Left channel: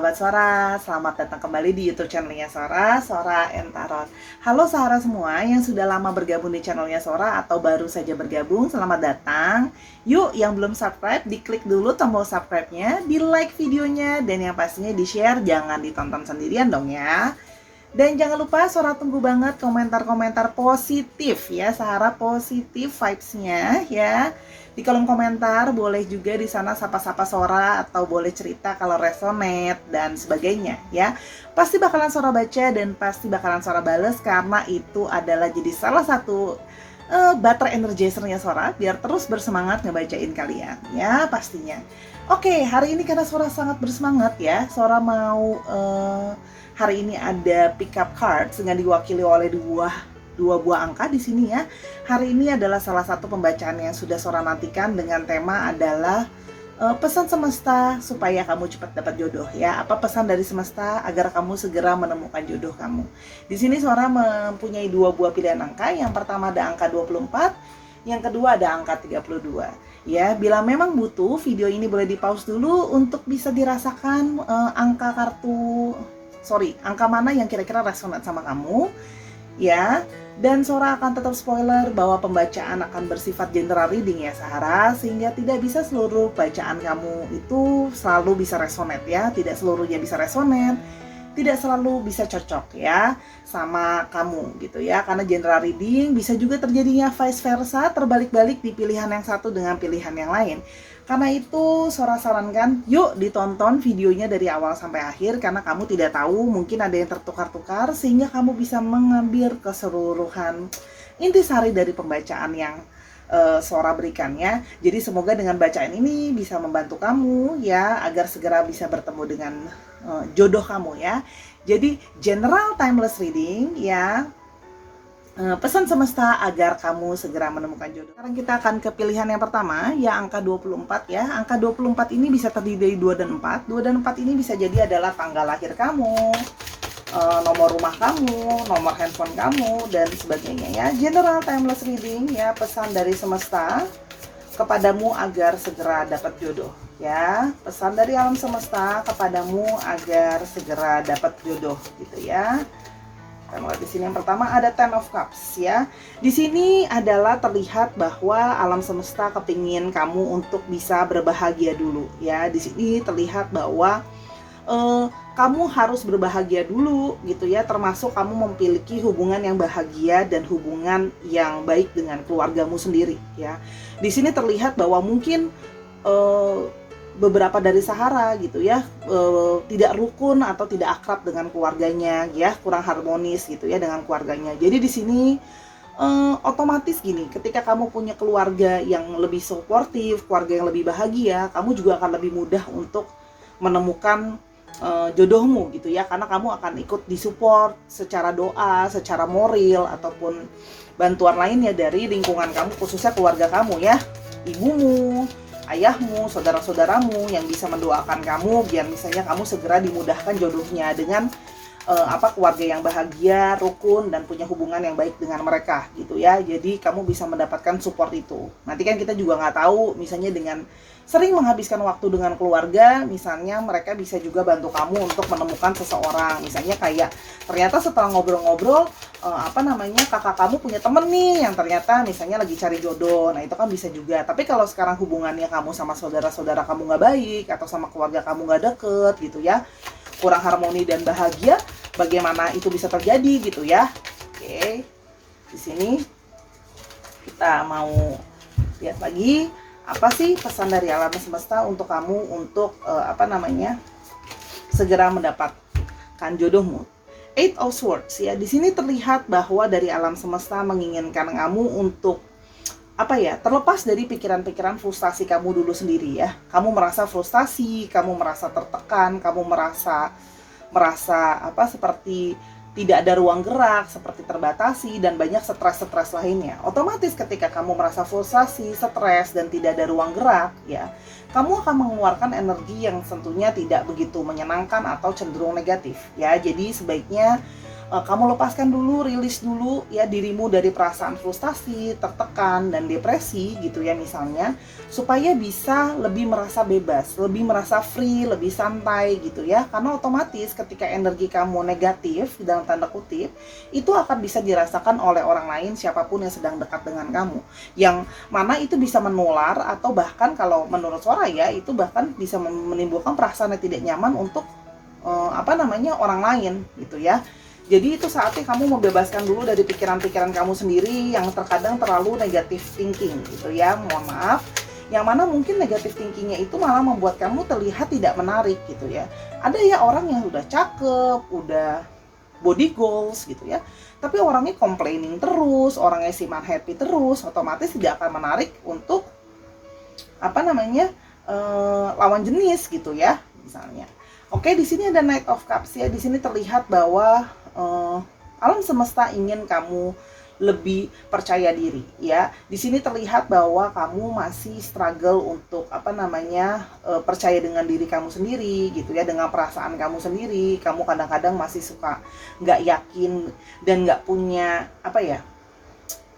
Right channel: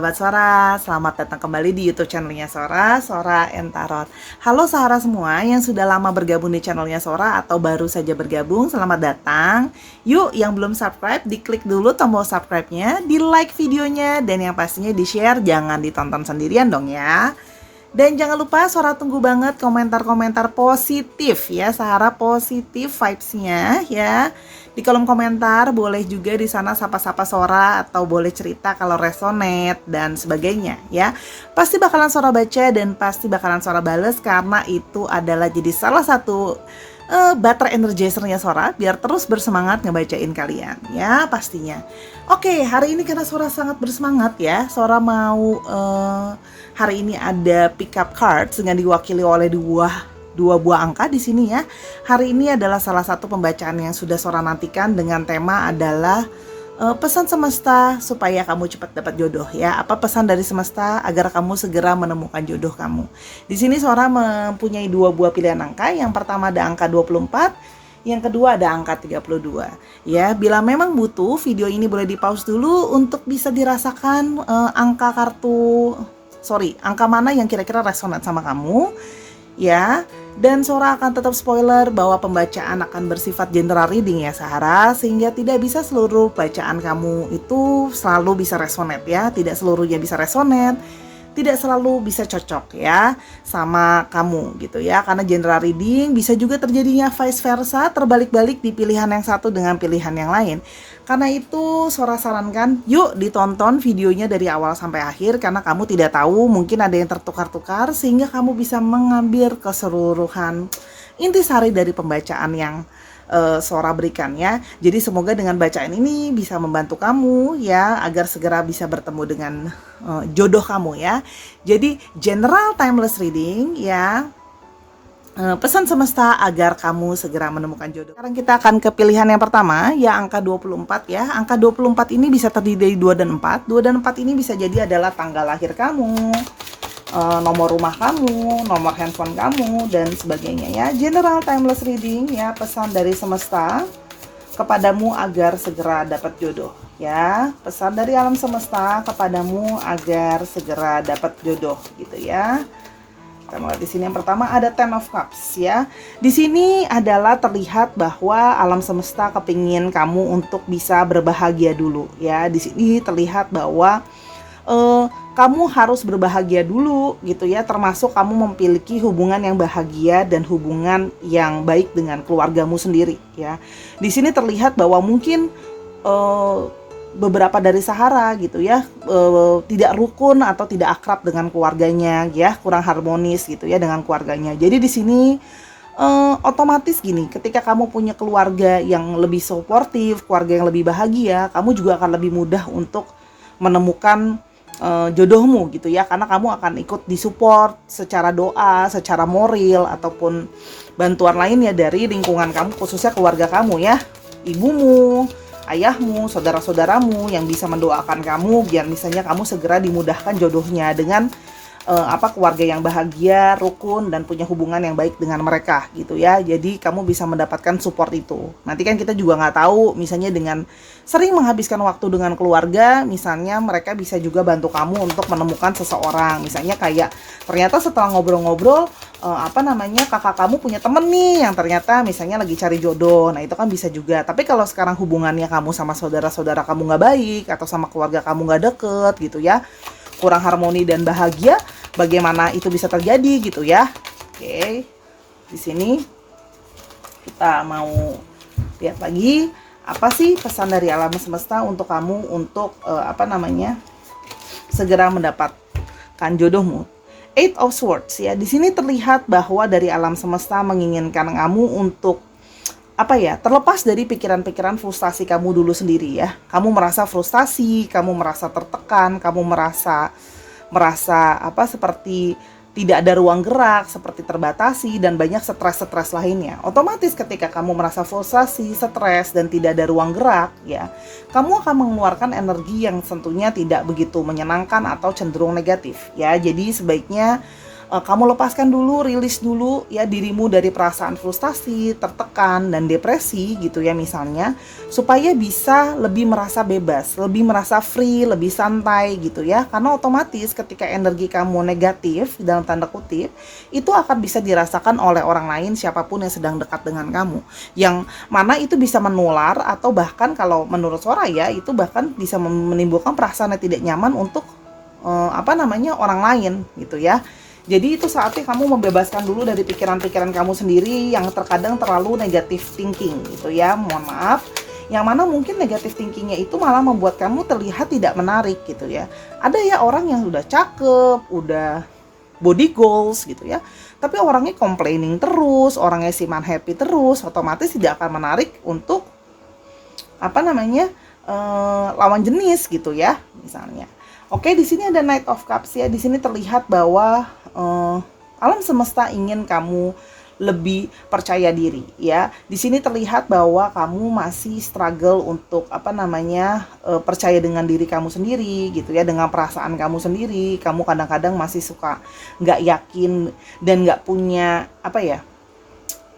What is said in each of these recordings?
sahabat Sora, selamat datang kembali di YouTube channelnya Sora, Sora and Tarot. Halo Sahara semua yang sudah lama bergabung di channelnya Sora atau baru saja bergabung, selamat datang. Yuk, yang belum subscribe, diklik dulu tombol subscribe-nya, di like videonya, dan yang pastinya di-share, jangan ditonton sendirian dong ya. Dan jangan lupa Sora tunggu banget komentar-komentar positif ya, Sahara positif vibes-nya ya. Di kolom komentar boleh juga di sana sapa-sapa Sora atau boleh cerita kalau resonate dan sebagainya ya. Pasti bakalan Sora baca dan pasti bakalan Sora bales karena itu adalah jadi salah satu baterai energizernya Sora biar terus bersemangat ngebacain kalian ya pastinya. Oke, hari ini karena Sora sangat bersemangat ya, Sora mau hari ini ada pick up cards dengan diwakili oleh dua buah angka di sini ya. Hari ini adalah salah satu pembacaan yang sudah Sora nantikan dengan tema adalah pesan semesta supaya kamu cepat dapat jodoh ya. Apa pesan dari semesta agar kamu segera menemukan jodoh kamu. Di sini Sora mempunyai dua buah pilihan angka. Yang pertama ada angka 24, yang kedua ada angka 32. Ya, bila memang butuh, video ini boleh di-pause dulu untuk bisa dirasakan angka mana yang kira-kira resonate sama kamu. Ya, dan Sora akan tetap spoiler bahwa pembacaan akan bersifat general reading ya Sahara, sehingga tidak bisa seluruh bacaan kamu itu selalu bisa resonate ya, tidak seluruhnya bisa resonate, tidak selalu bisa cocok ya sama kamu gitu ya, karena general reading bisa juga terjadinya vice versa, terbalik-balik di pilihan yang satu dengan pilihan yang lain. Karena itu Sora sarankan yuk ditonton videonya dari awal sampai akhir, karena kamu tidak tahu mungkin ada yang tertukar-tukar sehingga kamu bisa mengambil keseluruhan intisari dari pembacaan yang Sora berikan ya. Jadi semoga dengan bacaan ini bisa membantu kamu ya agar segera bisa bertemu dengan jodoh kamu ya. Jadi general timeless reading ya. Pesan semesta agar kamu segera menemukan jodoh. Sekarang kita akan ke pilihan yang pertama, ya angka 24 ya. Angka 24 ini bisa terdiri dari 2 dan 4. 2 dan 4 ini bisa jadi adalah tanggal lahir kamu, nomor rumah kamu, nomor handphone kamu, dan sebagainya ya. General timeless reading ya, pesan dari semesta kepadamu agar segera dapat jodoh ya. Pesan dari alam semesta kepadamu agar segera dapat jodoh gitu ya. Kita mulai di sini. Yang pertama ada Ten of Cups ya. Di sini adalah terlihat bahwa alam semesta kepingin kamu untuk bisa berbahagia dulu ya. Di sini terlihat bahwa kamu harus berbahagia dulu gitu ya, termasuk kamu memiliki hubungan yang bahagia dan hubungan yang baik dengan keluargamu sendiri ya. Di sini terlihat bahwa mungkin beberapa dari Sahara gitu ya tidak rukun atau tidak akrab dengan keluarganya ya, kurang harmonis gitu ya dengan keluarganya. Jadi di sini otomatis gini, ketika kamu punya keluarga yang lebih suportif, keluarga yang lebih bahagia, kamu juga akan lebih mudah untuk menemukan jodohmu gitu ya, karena kamu akan ikut disupport secara doa, secara moral ataupun bantuan lainnya dari lingkungan kamu, khususnya keluarga kamu ya, ibumu, ayahmu, saudara-saudaramu yang bisa mendoakan kamu biar misalnya kamu segera dimudahkan jodohnya dengan keluarga yang bahagia, rukun, dan punya hubungan yang baik dengan mereka gitu ya. Jadi kamu bisa mendapatkan support itu. Nanti kan kita juga nggak tahu, misalnya dengan sering menghabiskan waktu dengan keluarga, misalnya mereka bisa juga bantu kamu untuk menemukan seseorang. Misalnya kayak ternyata setelah ngobrol-ngobrol, kakak kamu punya temen nih yang ternyata misalnya lagi cari jodoh. Nah itu kan bisa juga. Tapi kalau sekarang hubungannya kamu sama saudara-saudara kamu nggak baik, atau sama keluarga kamu nggak deket gitu ya, kurang harmoni dan bahagia, bagaimana itu bisa terjadi gitu ya. Oke, di sini kita mau lihat lagi apa sih pesan dari alam semesta untuk kamu untuk segera mendapatkan jodohmu. Eight of Swords ya. Di sini terlihat bahwa dari alam semesta menginginkan kamu untuk terlepas dari pikiran-pikiran frustasi kamu dulu sendiri ya. Kamu merasa frustasi, kamu merasa tertekan, kamu merasa seperti tidak ada ruang gerak, seperti terbatasi, dan banyak stres-stres lainnya. Otomatis ketika kamu merasa frustasi, stres, dan tidak ada ruang gerak ya, kamu akan mengeluarkan energi yang tentunya tidak begitu menyenangkan atau cenderung negatif ya. Jadi sebaiknya kamu lepaskan dulu, rilis dulu ya dirimu dari perasaan frustasi, tertekan, dan depresi gitu ya misalnya, supaya bisa lebih merasa bebas, lebih merasa free, lebih santai gitu ya. Karena otomatis ketika energi kamu negatif dalam tanda kutip, itu akan bisa dirasakan oleh orang lain siapapun yang sedang dekat dengan kamu. Yang mana itu bisa menular, atau bahkan kalau menurut Soraya itu bahkan bisa menimbulkan perasaan yang tidak nyaman untuk orang lain gitu ya. Jadi itu saatnya kamu membebaskan dulu dari pikiran-pikiran kamu sendiri yang terkadang terlalu negative thinking gitu ya, mohon maaf. Yang mana mungkin negative thinkingnya itu malah membuat kamu terlihat tidak menarik gitu ya. Ada ya orang yang udah cakep, udah body goals gitu ya, tapi orangnya complaining terus, orangnya siman happy terus, otomatis tidak akan menarik untuk lawan jenis gitu ya misalnya. Oke, di sini ada Knight of Cups ya. Di sini terlihat bahwa alam semesta ingin kamu lebih percaya diri ya. Di sini terlihat bahwa kamu masih struggle untuk percaya dengan diri kamu sendiri gitu ya, dengan perasaan kamu sendiri. Kamu kadang-kadang masih suka nggak yakin dan nggak punya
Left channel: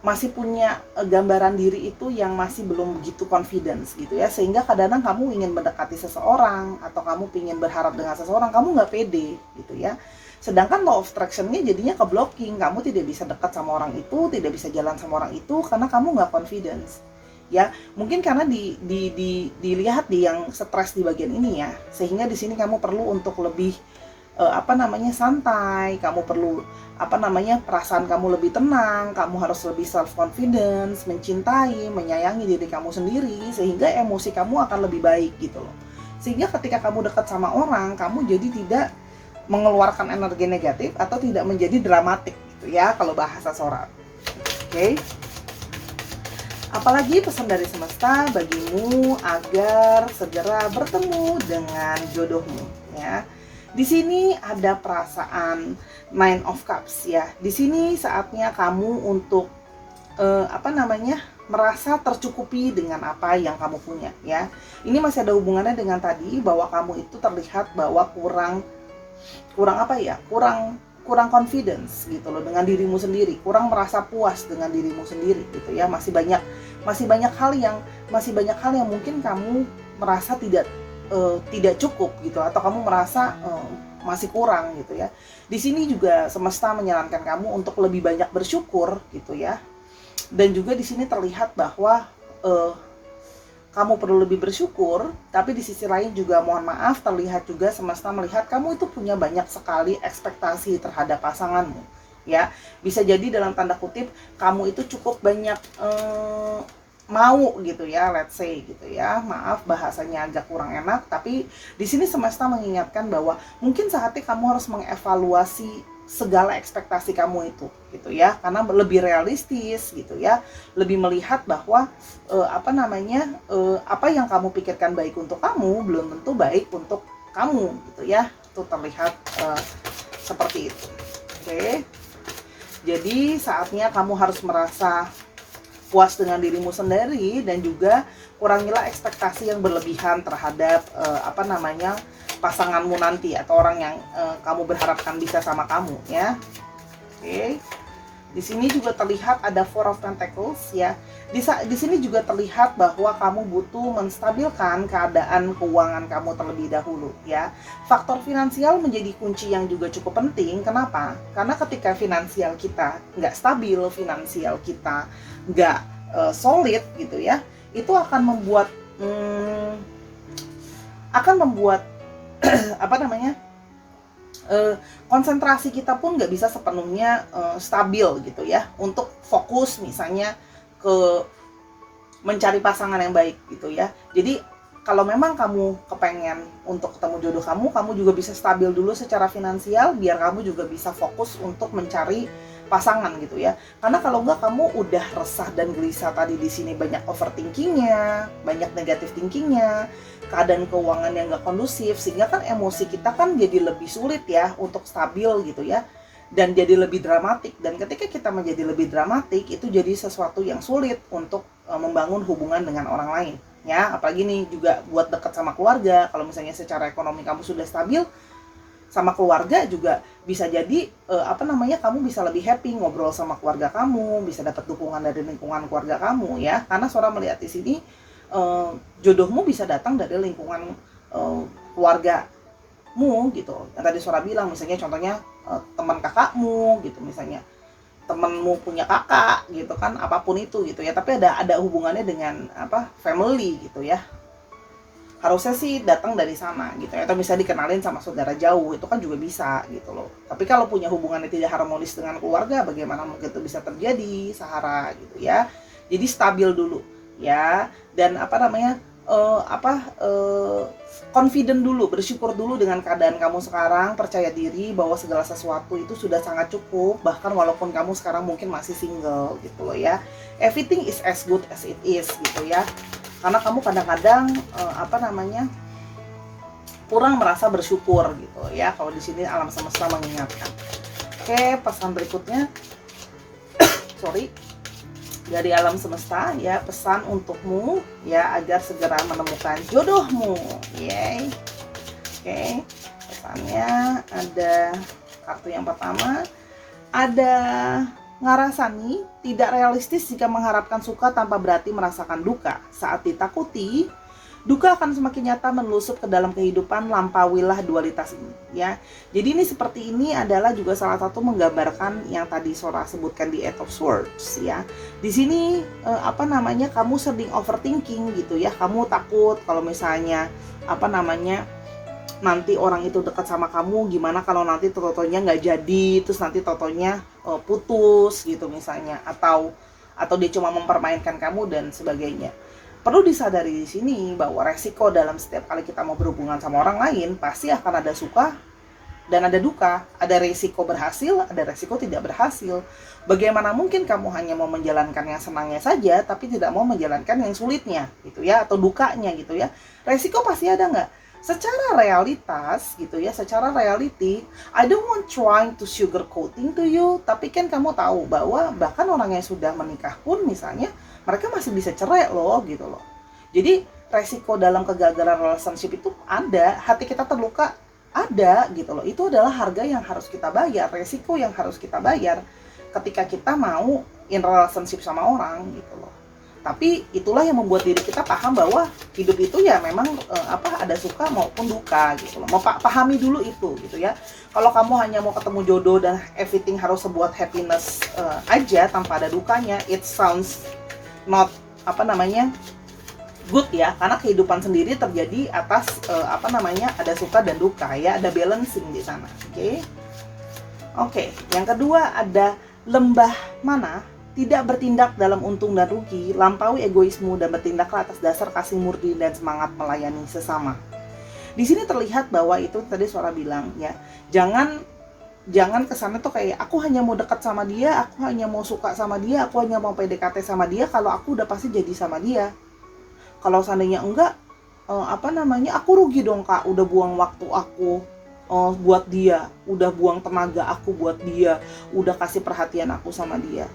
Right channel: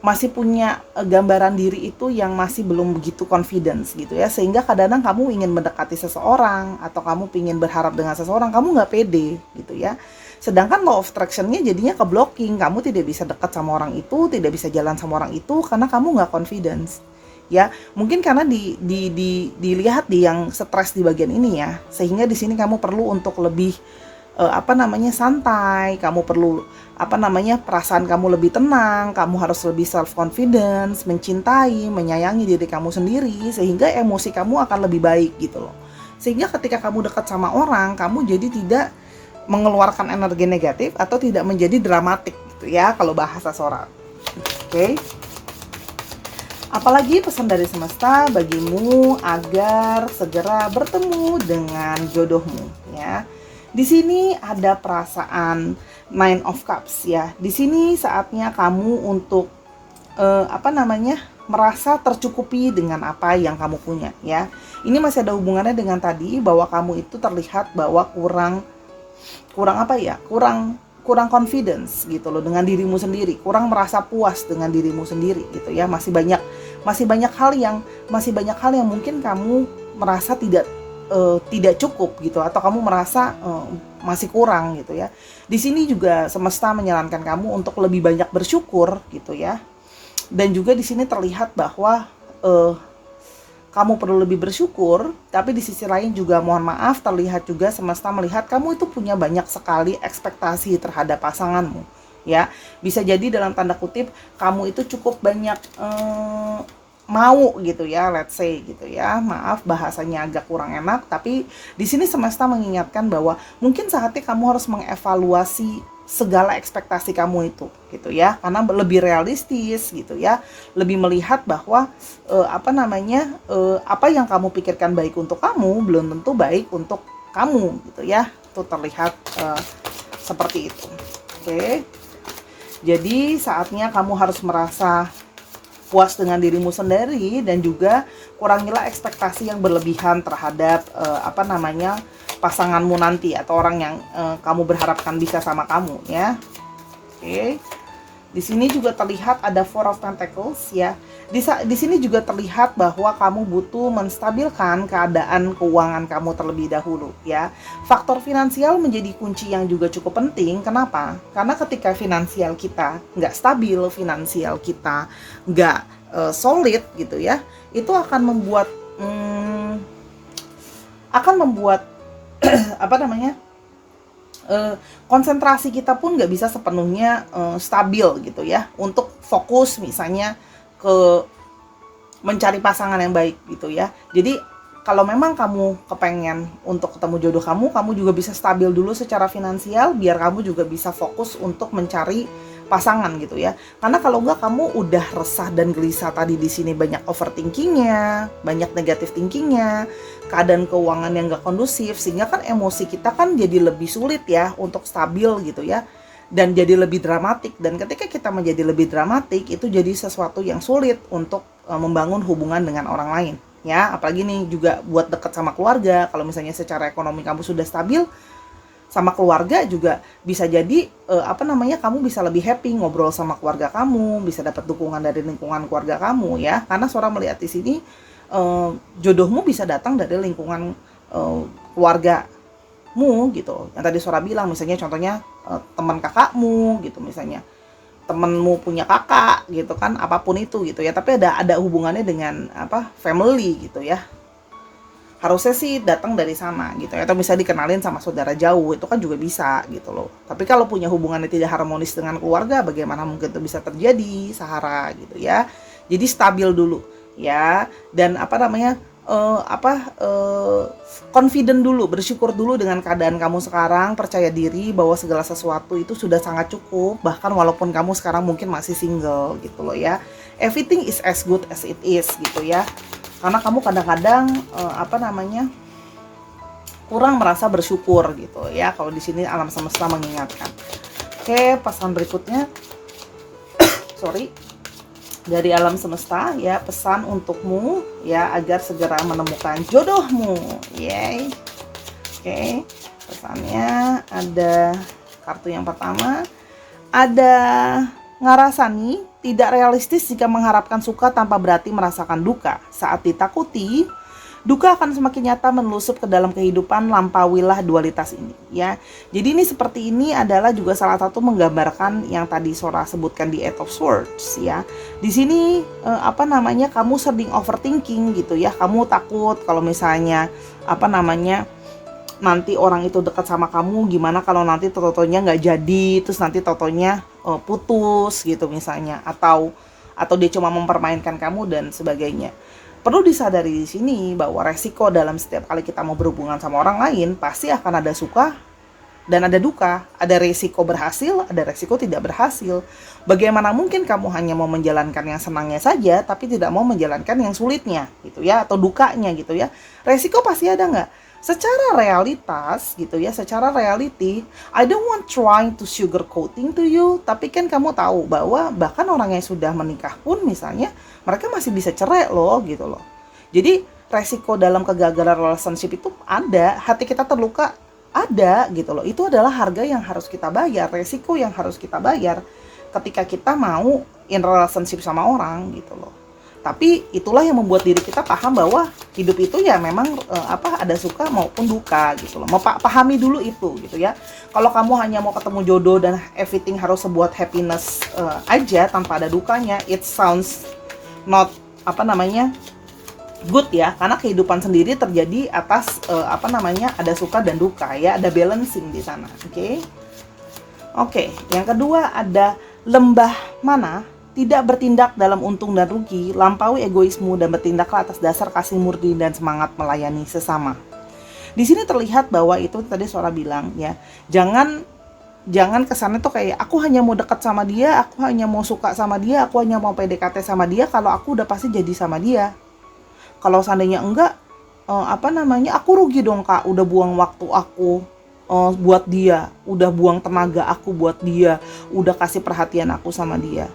masih punya gambaran diri itu yang masih belum begitu confidence gitu ya, sehingga kadang-kadang kamu ingin mendekati seseorang atau kamu ingin berharap dengan seseorang, kamu nggak pede gitu ya. Sedangkan law of attraction-nya jadinya ke blocking, kamu tidak bisa dekat sama orang itu, tidak bisa jalan sama orang itu karena kamu nggak confidence ya. Mungkin karena dilihat di yang stres di bagian ini ya, sehingga di sini kamu perlu untuk lebih santai, kamu perlu perasaan kamu lebih tenang, kamu harus lebih self confidence, mencintai, menyayangi diri kamu sendiri, sehingga emosi kamu akan lebih baik gitu loh. Sehingga ketika kamu dekat sama orang, kamu jadi tidak mengeluarkan energi negatif atau tidak menjadi dramatik gitu ya kalau bahasa Sora. Oke. Apalagi pesan dari semesta bagimu agar segera bertemu dengan jodohmu ya. Di sini ada perasaan Nine of Cups ya. Di sini saatnya kamu untuk merasa tercukupi dengan apa yang kamu punya ya. Ini masih ada hubungannya dengan tadi bahwa kamu itu terlihat bahwa kurang confidence gitu loh dengan dirimu sendiri, kurang merasa puas dengan dirimu sendiri gitu ya. Masih banyak hal yang mungkin kamu merasa tidak cukup gitu, atau kamu merasa masih kurang gitu ya. Di sini juga semesta menyarankan kamu untuk lebih banyak bersyukur gitu ya. Dan juga di sini terlihat bahwa kamu perlu lebih bersyukur, tapi di sisi lain juga mohon maaf terlihat juga semesta melihat kamu itu punya banyak sekali ekspektasi terhadap pasanganmu ya. Bisa jadi dalam tanda kutip kamu itu cukup banyak mau gitu ya, let's say gitu ya. Maaf bahasanya agak kurang enak, tapi di sini semesta mengingatkan bahwa mungkin saatnya kamu harus mengevaluasi segala ekspektasi kamu itu gitu ya, karena lebih realistis gitu ya, lebih melihat bahwa apa yang kamu pikirkan baik untuk kamu belum tentu baik untuk kamu gitu ya. Itu terlihat seperti itu. Oke. Jadi saatnya kamu harus merasa puas dengan dirimu sendiri, dan juga kurangilah ekspektasi yang berlebihan terhadap pasanganmu nanti atau orang yang kamu berharapkan bisa sama kamu ya. Oke. Di sini juga terlihat ada Four of Pentacles ya. Di sini juga terlihat bahwa kamu butuh menstabilkan keadaan keuangan kamu terlebih dahulu ya. Faktor finansial menjadi kunci yang juga cukup penting. Kenapa? Karena ketika finansial kita nggak stabil, finansial kita nggak solid gitu ya, itu akan membuat konsentrasi kita pun nggak bisa sepenuhnya stabil gitu ya, untuk fokus misalnya ke mencari pasangan yang baik gitu ya. Jadi kalau memang kamu kepengen untuk ketemu jodoh kamu juga bisa stabil dulu secara finansial, biar kamu juga bisa fokus untuk mencari pasangan gitu ya. Karena kalau enggak, kamu udah resah dan gelisah tadi, di sini banyak overthinkingnya, banyak negative thinkingnya, keadaan keuangan yang enggak kondusif, sehingga kan emosi kita kan jadi lebih sulit ya untuk stabil gitu ya, dan jadi lebih dramatik. Dan ketika kita menjadi lebih dramatik, itu jadi sesuatu yang sulit untuk membangun hubungan dengan orang lain ya. Apalagi nih juga buat dekat sama keluarga. Kalau misalnya secara ekonomi kamu sudah stabil, sama keluarga juga bisa jadi kamu bisa lebih happy ngobrol sama keluarga kamu, bisa dapat dukungan dari lingkungan keluarga kamu ya. Karena Sora melihat di sini jodohmu bisa datang dari lingkungan keluargamu gitu. Yang tadi Sora bilang misalnya contohnya teman kakakmu gitu, misalnya temenmu punya kakak gitu kan, apapun itu gitu ya, tapi ada hubungannya dengan family gitu ya. Harusnya sih datang dari sana gitu ya, atau bisa dikenalin sama saudara jauh, itu kan juga bisa gitu loh. Tapi kalau punya hubungannya tidak harmonis dengan keluarga, bagaimana mungkin itu bisa terjadi, Sahara gitu ya. Jadi stabil dulu ya, dan confident dulu, bersyukur dulu dengan keadaan kamu sekarang, percaya diri bahwa segala sesuatu itu sudah sangat cukup, bahkan walaupun kamu sekarang mungkin masih single gitu loh ya. Everything is as good as it is gitu ya. Karena kamu kadang-kadang kurang merasa bersyukur gitu ya. Kalau di sini alam semesta mengingatkan. Oke, pesan berikutnya dari alam semesta ya, pesan untukmu ya agar segera menemukan jodohmu. Yay. Oke, pesannya ada kartu yang pertama, ada Ngarasani, tidak realistis jika mengharapkan suka tanpa berarti merasakan duka. Saat ditakuti, duka akan semakin nyata menelusup ke dalam kehidupan, lampauilah dualitas ini ya. Jadi ini seperti ini adalah juga salah satu menggambarkan yang tadi Sora sebutkan di Eight of Swords ya. Di sini kamu sering overthinking gitu ya. Kamu takut kalau misalnya nanti orang itu dekat sama kamu, gimana kalau nanti totonya nggak jadi, terus nanti totonya putus gitu misalnya, atau dia cuma mempermainkan kamu dan sebagainya. Perlu disadari di sini bahwa resiko dalam setiap kali kita mau berhubungan sama orang lain pasti akan ada suka dan ada duka, ada resiko berhasil, ada resiko tidak berhasil. Bagaimana mungkin kamu hanya mau menjalankan yang senangnya saja tapi tidak mau menjalankan yang sulitnya gitu ya, atau dukanya gitu ya. Resiko pasti ada nggak? Secara realitas gitu ya, secara reality, I don't want trying to sugarcoating to you, tapi kan kamu tahu bahwa bahkan orang yang sudah menikah pun misalnya mereka masih bisa cerai loh gitu loh. Jadi resiko dalam kegagalan relationship itu ada, hati kita terluka ada gitu loh. Itu adalah harga yang harus kita bayar, resiko yang harus kita bayar ketika kita mau in relationship sama orang gitu loh. Tapi itulah yang membuat diri kita paham bahwa hidup itu ya memang ada suka maupun duka gitu loh. Pahami dulu itu gitu ya. Kalau kamu hanya mau ketemu jodoh dan everything harus sebuah happiness aja tanpa ada dukanya, it sounds not good ya. Karena kehidupan sendiri terjadi atas ada suka dan duka ya, ada balancing di sana. Oke, yang kedua ada lembah mana tidak bertindak dalam untung dan rugi, lampaui egoismu dan bertindaklah atas dasar kasih murni dan semangat melayani sesama. Di sini terlihat bahwa itu tadi Sora bilang ya, jangan kesannya tuh kayak aku hanya mau dekat sama dia, aku hanya mau suka sama dia, aku hanya mau PDKT sama dia kalau aku udah pasti jadi sama dia. Kalau seandainya enggak, aku rugi dong Kak, udah buang waktu aku buat dia, udah buang tenaga aku buat dia, udah kasih perhatian aku sama dia.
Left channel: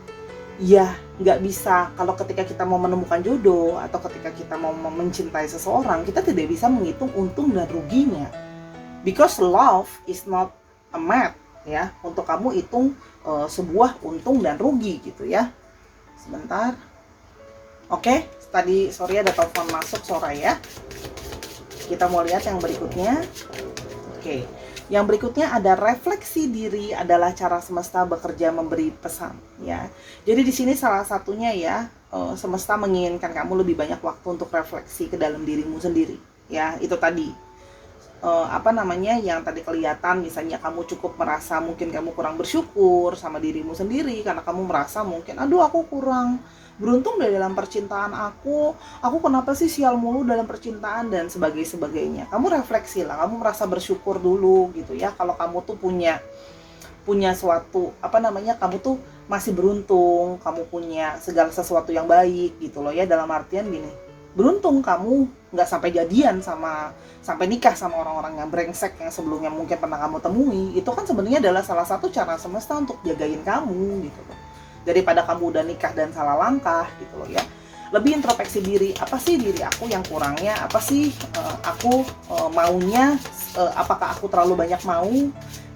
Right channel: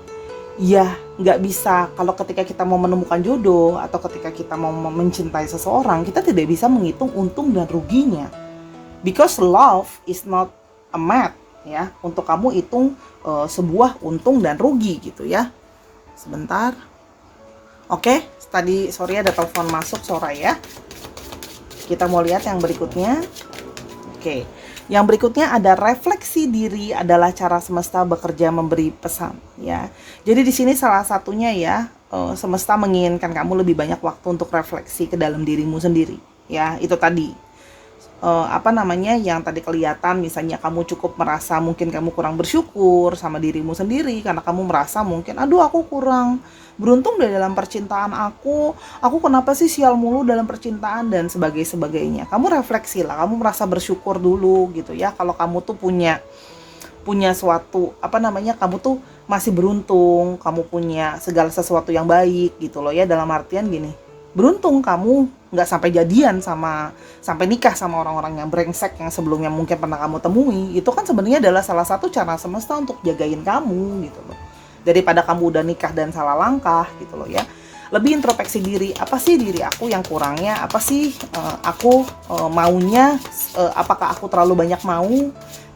Ya, nggak bisa. Kalau ketika kita mau menemukan jodoh atau ketika kita mau mencintai seseorang, kita tidak bisa menghitung untung dan ruginya. Because love is not a math ya. Untuk kamu hitung sebuah untung dan rugi gitu ya. Sebentar. Oke, tadi sorry ada telepon masuk Sora ya. Kita mau lihat yang berikutnya. Oke. Yang berikutnya ada refleksi diri adalah cara semesta bekerja memberi pesan ya. Jadi di sini salah satunya ya, semesta menginginkan kamu lebih banyak waktu untuk refleksi ke dalam dirimu sendiri ya. Itu tadi yang tadi kelihatan, misalnya kamu cukup merasa mungkin kamu kurang bersyukur sama dirimu sendiri karena kamu merasa mungkin aduh aku kurang beruntung deh dalam percintaan aku kenapa sih sial mulu dalam percintaan dan sebagainya. Kamu refleksi lah, kamu merasa bersyukur dulu gitu ya. Kalau kamu tuh punya suatu kamu tuh masih beruntung, kamu punya segala sesuatu yang baik gitu loh ya. Dalam artian gini, beruntung kamu nggak sampai jadian sampai nikah sama orang-orang yang brengsek yang sebelumnya mungkin pernah kamu temui. Itu kan sebenarnya adalah salah satu cara semesta untuk jagain kamu gitu loh, daripada kamu udah nikah dan salah langkah gitu loh ya. lebih introspeksi diri, apa sih diri aku yang kurangnya, apa sih aku maunya, apakah aku terlalu banyak mau,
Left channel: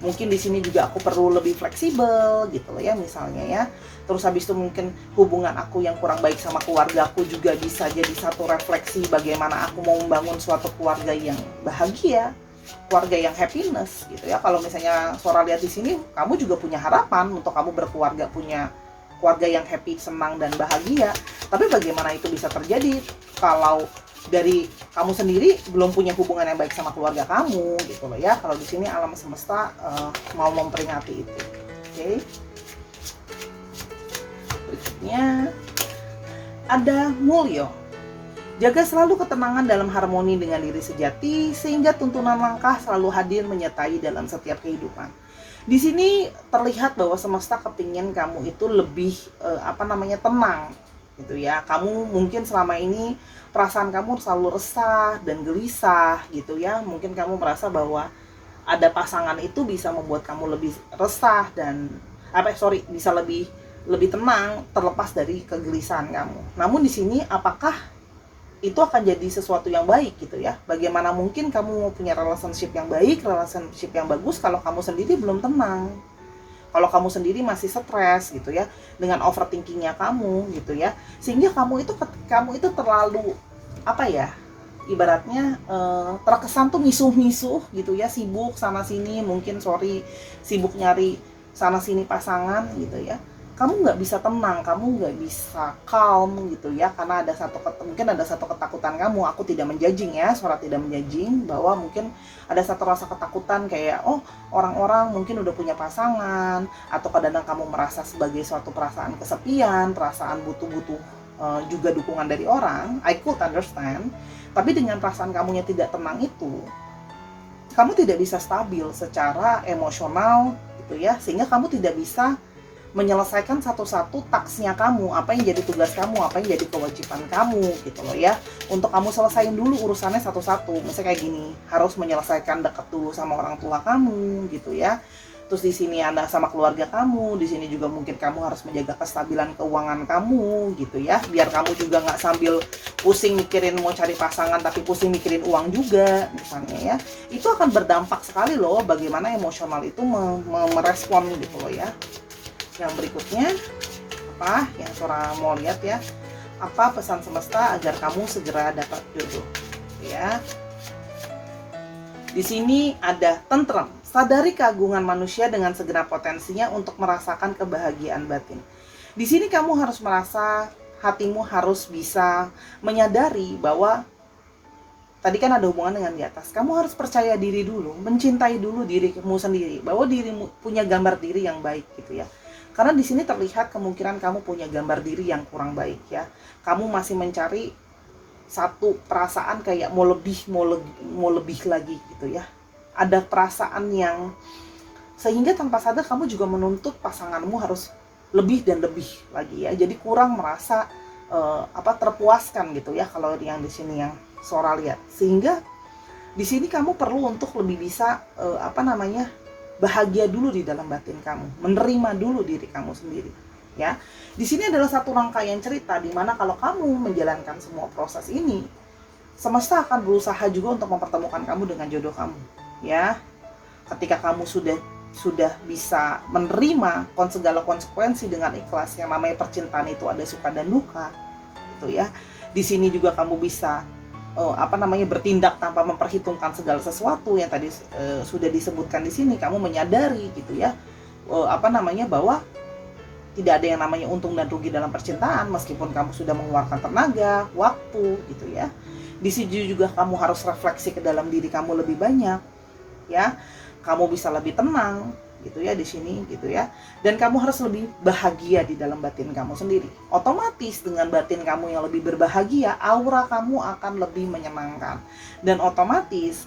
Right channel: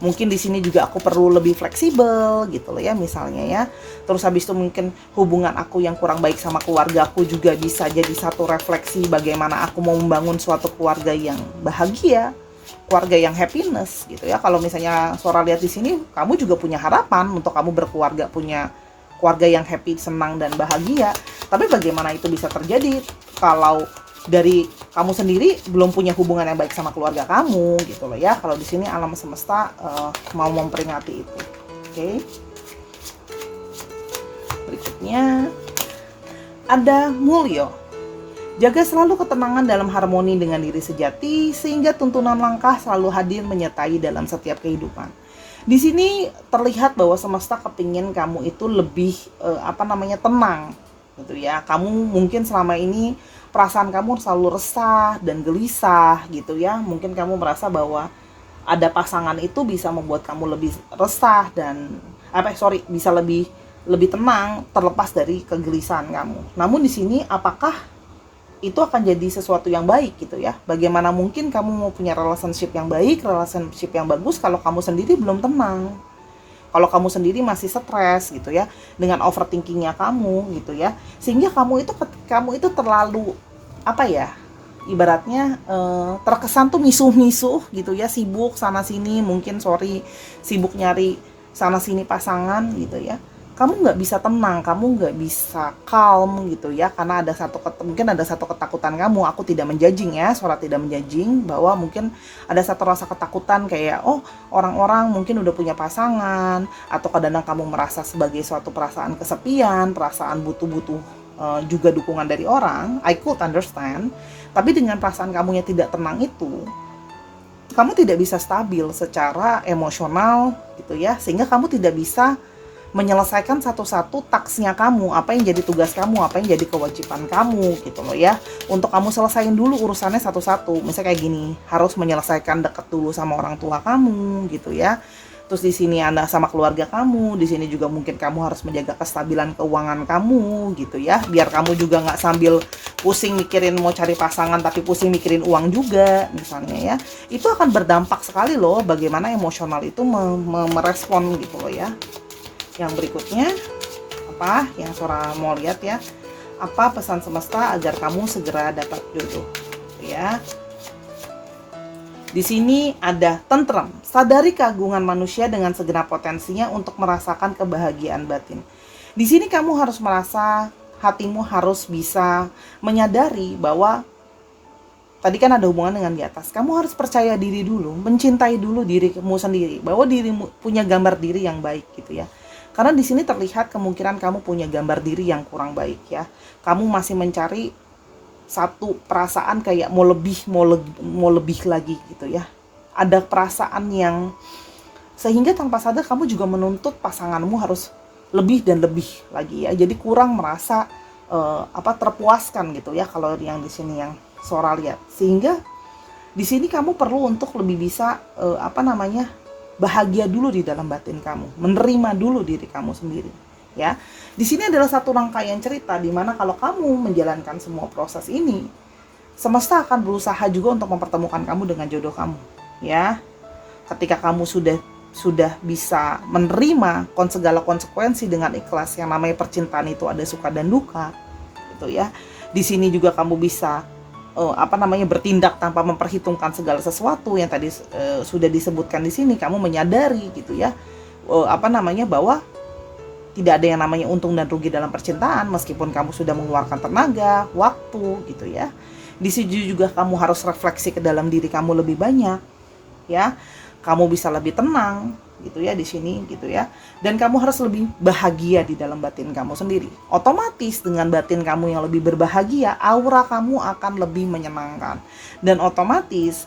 mungkin di sini juga aku perlu lebih fleksibel gitu loh ya misalnya ya. Terus habis itu mungkin hubungan aku yang kurang baik sama keluarga aku juga bisa jadi satu refleksi bagaimana aku mau membangun suatu keluarga yang bahagia, keluarga yang happiness gitu ya. Kalau misalnya Sora lihat di sini, kamu juga punya harapan untuk kamu berkeluarga, punya keluarga yang happy, senang dan bahagia. Tapi bagaimana itu bisa terjadi kalau dari kamu sendiri belum punya hubungan yang baik sama keluarga kamu gitu loh ya. Kalau di sini alam semesta mau memperingati itu. Oke. Berikutnya ada Mulyo. Jaga selalu ketenangan dalam harmoni dengan diri sejati sehingga tuntunan langkah selalu hadir menyertai dalam setiap kehidupan. Di sini terlihat bahwa semesta kepingin kamu itu lebih tenang gitu ya. Kamu mungkin selama ini perasaan kamu selalu resah dan gelisah gitu ya. Mungkin kamu merasa bahwa ada pasangan itu bisa membuat kamu lebih resah dan bisa lebih tenang terlepas dari kegelisahan kamu. Namun di sini apakah itu akan jadi sesuatu yang baik gitu ya? Bagaimana mungkin kamu mau punya relationship yang baik, relationship yang bagus kalau kamu sendiri belum tenang, kalau kamu sendiri masih stres gitu ya, dengan overthinkingnya kamu gitu ya, sehingga kamu itu terlalu ibaratnya terkesan tuh misuh-misuh gitu ya, sibuk sana sini, mungkin sibuk nyari sana sini pasangan gitu ya. Kamu nggak bisa tenang, kamu nggak bisa calm gitu ya, karena mungkin ada satu ketakutan kamu. Aku tidak menjudging ya, Sora tidak menjudging, bahwa mungkin ada satu rasa ketakutan kayak orang-orang mungkin udah punya pasangan, atau kadang-kadang kamu merasa sebagai suatu perasaan kesepian, perasaan butuh juga dukungan dari orang. I could understand, tapi dengan perasaan kamu yang tidak tenang itu, kamu tidak bisa stabil secara emosional gitu ya, sehingga kamu tidak bisa menyelesaikan satu-satu taksnya kamu, apa yang jadi tugas kamu, apa yang jadi kewajiban kamu gitu loh ya. Untuk kamu selesain dulu urusannya satu-satu. Misalnya kayak gini, harus menyelesaikan dekat dulu sama orang tua kamu gitu ya. Terus di sini Anda sama keluarga kamu, di sini juga mungkin kamu harus menjaga kestabilan keuangan kamu gitu ya. Biar kamu juga nggak sambil pusing mikirin mau cari pasangan tapi pusing mikirin uang juga misalnya ya. Itu akan berdampak sekali loh bagaimana emosional itu merespon gitu loh ya. Yang berikutnya yang Sora mau lihat ya, apa pesan semesta agar kamu segera dapat jodoh ya. Di sini ada tentrem, sadari keagungan manusia dengan segenap potensinya untuk merasakan kebahagiaan batin. Di sini kamu harus merasa, hatimu harus bisa menyadari bahwa tadi kan ada hubungan dengan di atas. Kamu harus percaya diri dulu, mencintai dulu dirimu sendiri, bahwa dirimu punya gambar diri yang baik gitu ya. Karena di sini terlihat kemungkinan kamu punya gambar diri yang kurang baik ya. Kamu masih mencari satu perasaan kayak mau lebih lagi gitu ya. Ada perasaan yang sehingga tanpa sadar kamu juga menuntut pasanganmu harus lebih dan lebih lagi ya. Jadi kurang merasa terpuaskan gitu ya kalau yang di sini yang Sora lihat. Sehingga di sini kamu perlu untuk lebih bisa bahagia dulu di dalam batin kamu, menerima dulu diri kamu sendiri ya. Di sini adalah satu rangkaian cerita di mana kalau kamu menjalankan semua proses ini, semesta akan berusaha juga untuk mempertemukan kamu dengan jodoh kamu ya. Ketika kamu sudah bisa menerima segala konsekuensi dengan ikhlas, yang namanya percintaan itu ada suka dan duka gitu ya. Di sini juga kamu bisa bertindak tanpa memperhitungkan segala sesuatu yang tadi sudah disebutkan di sini. Kamu menyadari gitu ya, bahwa tidak ada yang namanya untung dan rugi dalam percintaan, meskipun kamu sudah mengeluarkan tenaga, waktu gitu ya. Di sini juga kamu harus refleksi ke dalam diri kamu lebih banyak ya. Kamu bisa lebih tenang gitu ya di sini gitu ya, dan kamu harus lebih bahagia di dalam batin kamu sendiri. Otomatis dengan batin kamu yang lebih berbahagia, aura kamu akan lebih menyenangkan, dan otomatis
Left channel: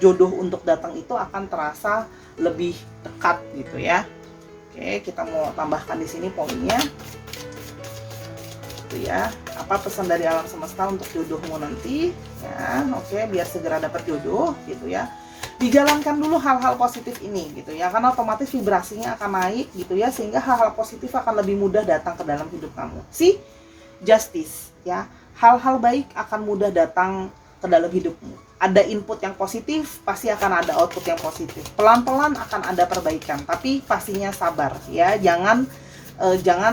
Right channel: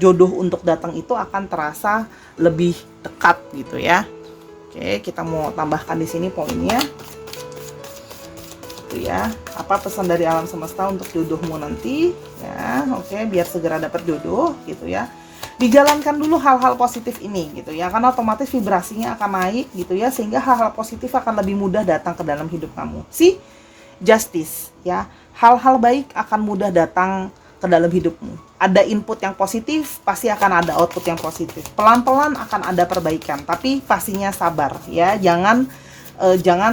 jodoh untuk datang itu akan terasa lebih dekat gitu ya. Oke, kita mau tambahkan di sini poinnya gitu ya. Apa pesan dari alam semesta untuk jodohmu nanti ya? Oke, biar segera dapat jodoh gitu ya. Dijalankan dulu hal-hal positif ini gitu ya, karena otomatis vibrasinya akan naik gitu ya, sehingga hal-hal positif akan lebih mudah datang ke dalam hidup kamu. justice ya. Hal-hal baik akan mudah datang ke dalam hidupmu. Ada input yang positif, pasti akan ada output yang positif. Pelan-pelan akan ada perbaikan, tapi pastinya sabar ya. Jangan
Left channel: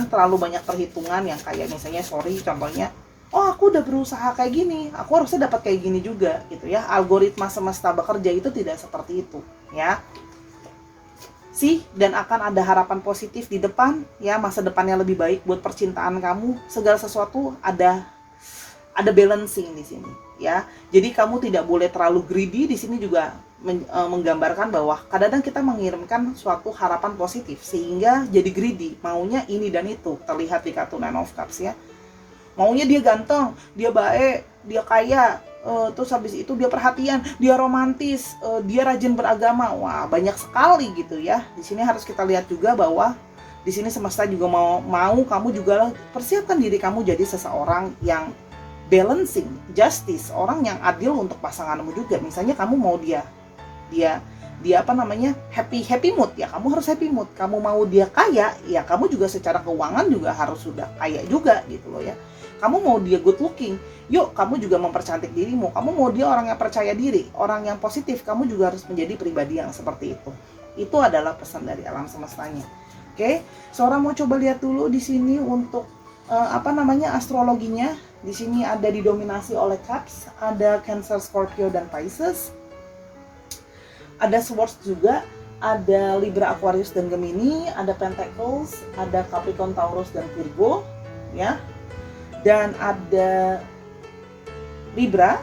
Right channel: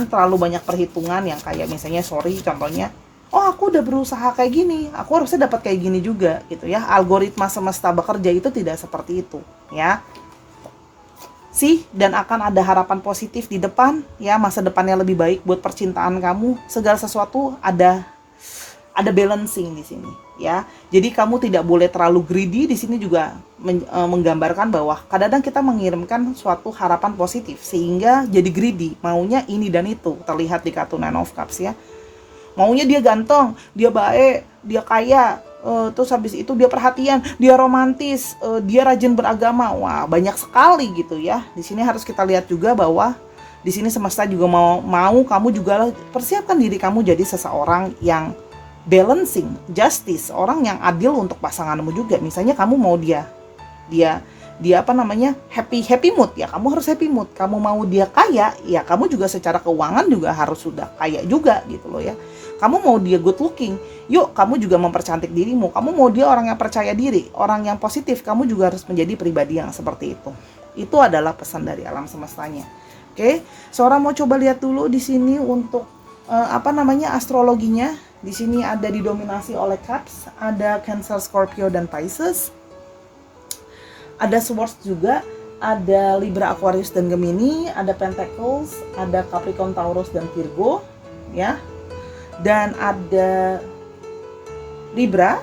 terlalu banyak perhitungan yang kayak misalnya contohnya, oh aku udah berusaha kayak gini, aku harusnya dapat kayak gini juga gitu ya. Algoritma semesta bekerja itu tidak seperti itu ya. Dan akan ada harapan positif di depan ya, masa depannya lebih baik buat percintaan kamu. Segala sesuatu ada balancing di sini ya. Jadi kamu tidak boleh terlalu greedy. Di sini juga menggambarkan bahwa kadang-kadang kita mengirimkan suatu harapan positif sehingga jadi greedy, maunya ini dan itu. Terlihat di kartu Nine of Cups ya. Maunya dia ganteng, dia baik, dia kaya, terus habis itu dia perhatian, dia romantis, dia rajin beragama. Wah, banyak sekali gitu ya. Di sini harus kita lihat juga bahwa di sini semesta juga mau kamu juga persiapkan diri kamu jadi seseorang yang balancing, justice, orang yang adil untuk pasanganmu juga. Misalnya kamu mau dia happy mood ya, kamu harus happy mood. Kamu mau dia kaya ya, kamu juga secara keuangan juga harus sudah kaya juga gitu loh ya. Kamu mau dia good looking, yuk kamu juga mempercantik dirimu. Kamu mau dia orang yang percaya diri, orang yang positif, kamu juga harus menjadi pribadi yang seperti itu. Itu adalah pesan dari alam semestanya. Oke, Sora mau coba lihat dulu di sini untuk astrologinya. Di sini ada didominasi oleh Cups, ada Cancer, Scorpio dan Pisces. Ada Swords juga, ada Libra, Aquarius dan Gemini, ada Pentacles, ada Capricorn, Taurus dan Virgo ya. Dan ada Libra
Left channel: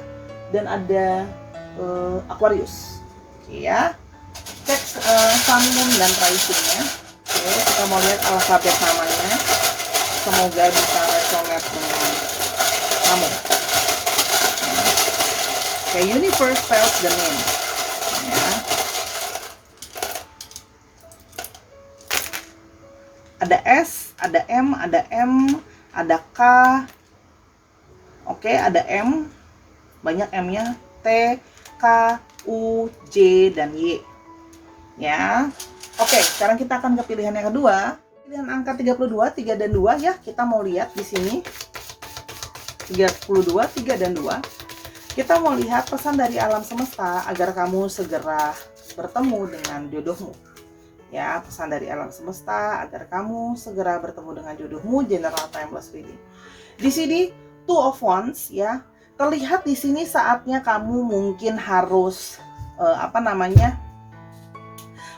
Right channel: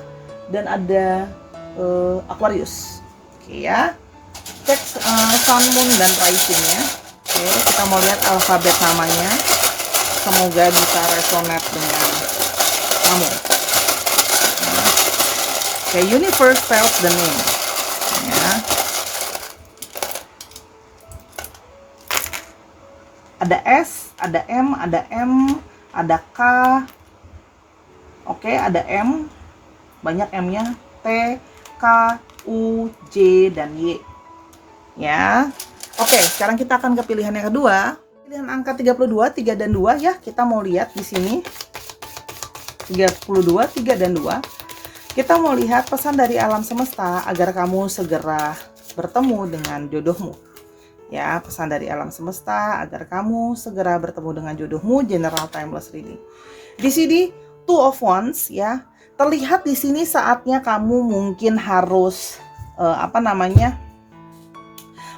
dan ada Aquarius. Oke ya. Cek Sun, Moon dan Rising-nya. Oke, kita mau lihat alfabet namanya. Semoga bisa resonate dengan kamu. Oke, Universe spells the name. Ya. Ada S, ada M, ada M, ada K. Oke, ada M. Banyak M-nya. T, K, U, J dan Y. Ya. Oke, sekarang kita akan ke pilihan yang kedua. Pilihan angka 32, 3 dan 2 ya. Kita mau lihat di sini. 32, 3 dan 2. Kita mau lihat pesan dari alam semesta agar kamu segera bertemu dengan jodohmu. Ya, pesan dari alam semesta agar kamu segera bertemu dengan jodohmu. General Timeless Reading. Di sini Two of Wands ya. Terlihat di sini saatnya kamu mungkin harus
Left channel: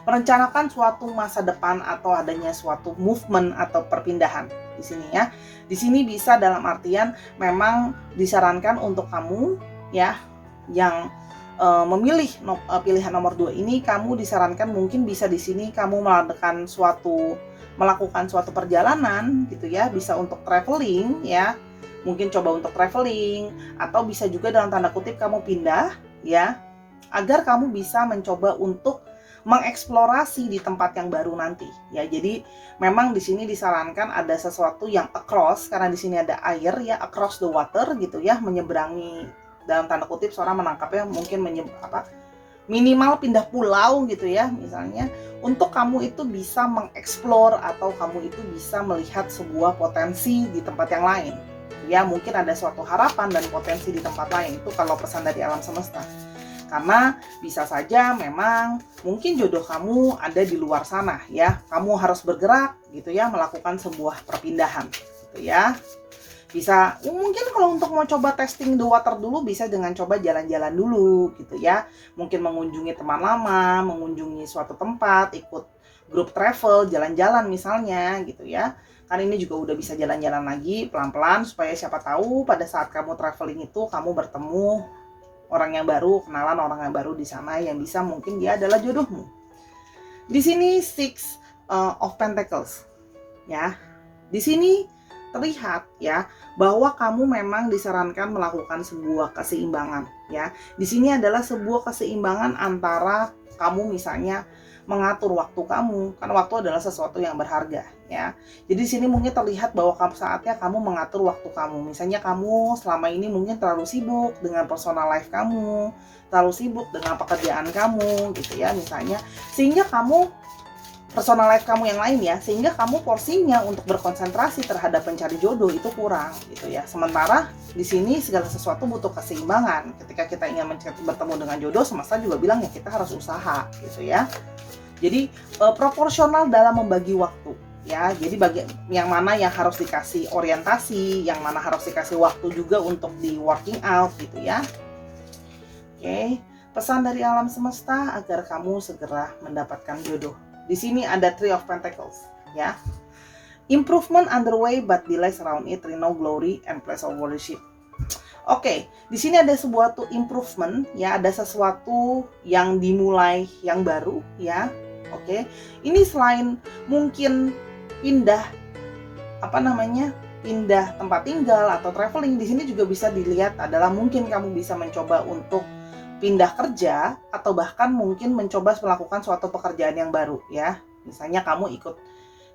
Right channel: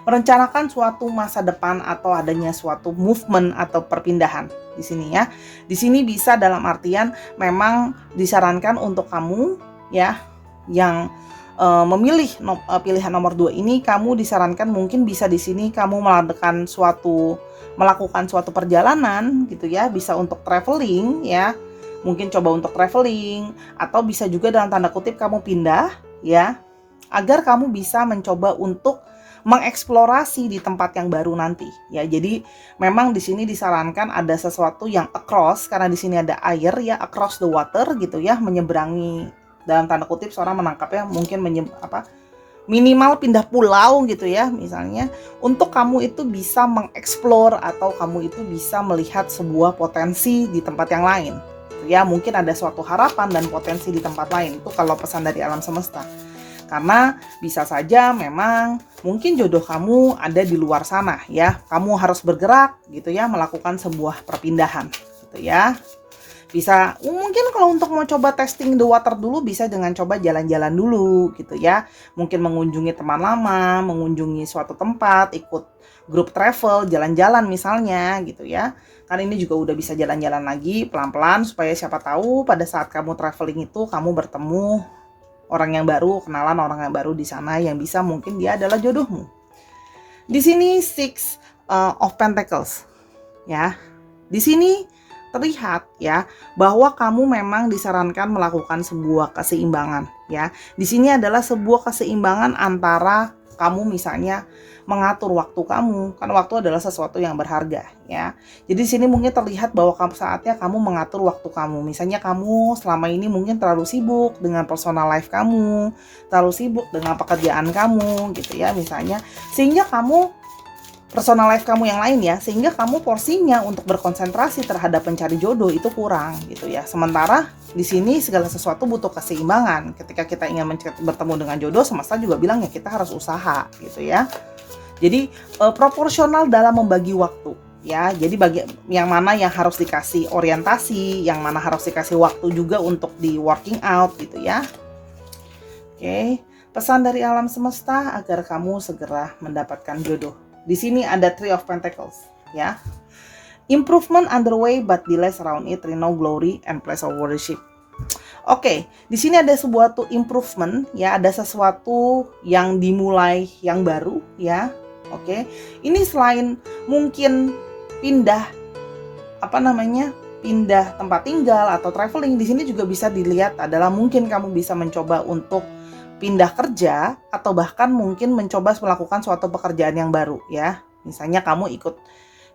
merencanakan suatu masa depan atau adanya suatu movement atau perpindahan di sini ya. Di sini bisa dalam artian memang disarankan untuk kamu ya yang memilih pilihan nomor 2 ini, kamu disarankan mungkin bisa di sini kamu melakukan suatu perjalanan gitu ya, bisa untuk traveling ya. Mungkin coba untuk traveling atau bisa juga dalam tanda kutip kamu pindah ya, agar kamu bisa mencoba untuk mengeksplorasi di tempat yang baru nanti ya. Jadi memang di sini disarankan ada sesuatu yang across, karena di sini ada air ya, across the water gitu ya, menyeberangi, dalam tanda kutip seorang menangkapnya mungkin minimal pindah pulau gitu ya, misalnya untuk kamu itu bisa mengeksplor atau kamu itu bisa melihat sebuah potensi di tempat yang lain ya. Mungkin ada suatu harapan dan potensi di tempat lain. Itu kalau pesan dari alam semesta. Karena bisa saja memang mungkin jodoh kamu ada di luar sana ya. Kamu harus bergerak gitu ya, melakukan sebuah perpindahan gitu ya. Bisa mungkin kalau untuk mau coba testing the water dulu, bisa dengan coba jalan-jalan dulu gitu ya. Mungkin mengunjungi teman lama, mengunjungi suatu tempat, ikut grup travel, jalan-jalan misalnya gitu ya. Karena ini juga udah bisa jalan-jalan lagi pelan-pelan, supaya siapa tahu pada saat kamu traveling itu kamu bertemu orang yang baru, kenalan orang yang baru di sana yang bisa mungkin dia adalah jodohmu. Di sini Six of Pentacles ya. Di sini terlihat ya bahwa kamu memang disarankan melakukan sebuah keseimbangan ya. Di sini adalah sebuah keseimbangan antara kamu misalnya mengatur waktu kamu, kan waktu adalah sesuatu yang berharga ya. Jadi di sini mungkin terlihat bahwa saatnya kamu mengatur waktu kamu. Misalnya kamu selama ini mungkin terlalu sibuk dengan personal life kamu, terlalu sibuk dengan pekerjaan kamu gitu ya misalnya, sehingga kamu personal life kamu yang lain ya, sehingga kamu porsinya untuk berkonsentrasi terhadap mencari jodoh itu kurang gitu ya. Sementara di sini segala sesuatu butuh keseimbangan. Ketika kita ingin bertemu dengan jodoh, semesta juga bilang ya kita harus usaha gitu ya. Jadi proporsional dalam membagi waktu ya. Jadi bagi yang mana yang harus dikasih orientasi, yang mana harus dikasih waktu juga untuk di working out gitu ya. Oke, pesan dari alam semesta agar kamu segera mendapatkan jodoh. Di sini ada Three of Pentacles, ya. Improvement underway but delays around it, no glory and place of worship. Oke, di sini ada sebuah improvement, ya, ada sesuatu yang dimulai yang baru, ya. Oke, ini selain mungkin pindah pindah tempat tinggal atau traveling, di sini juga bisa dilihat adalah mungkin kamu bisa mencoba untuk pindah kerja atau bahkan mungkin mencoba melakukan suatu pekerjaan yang baru ya. Misalnya kamu ikut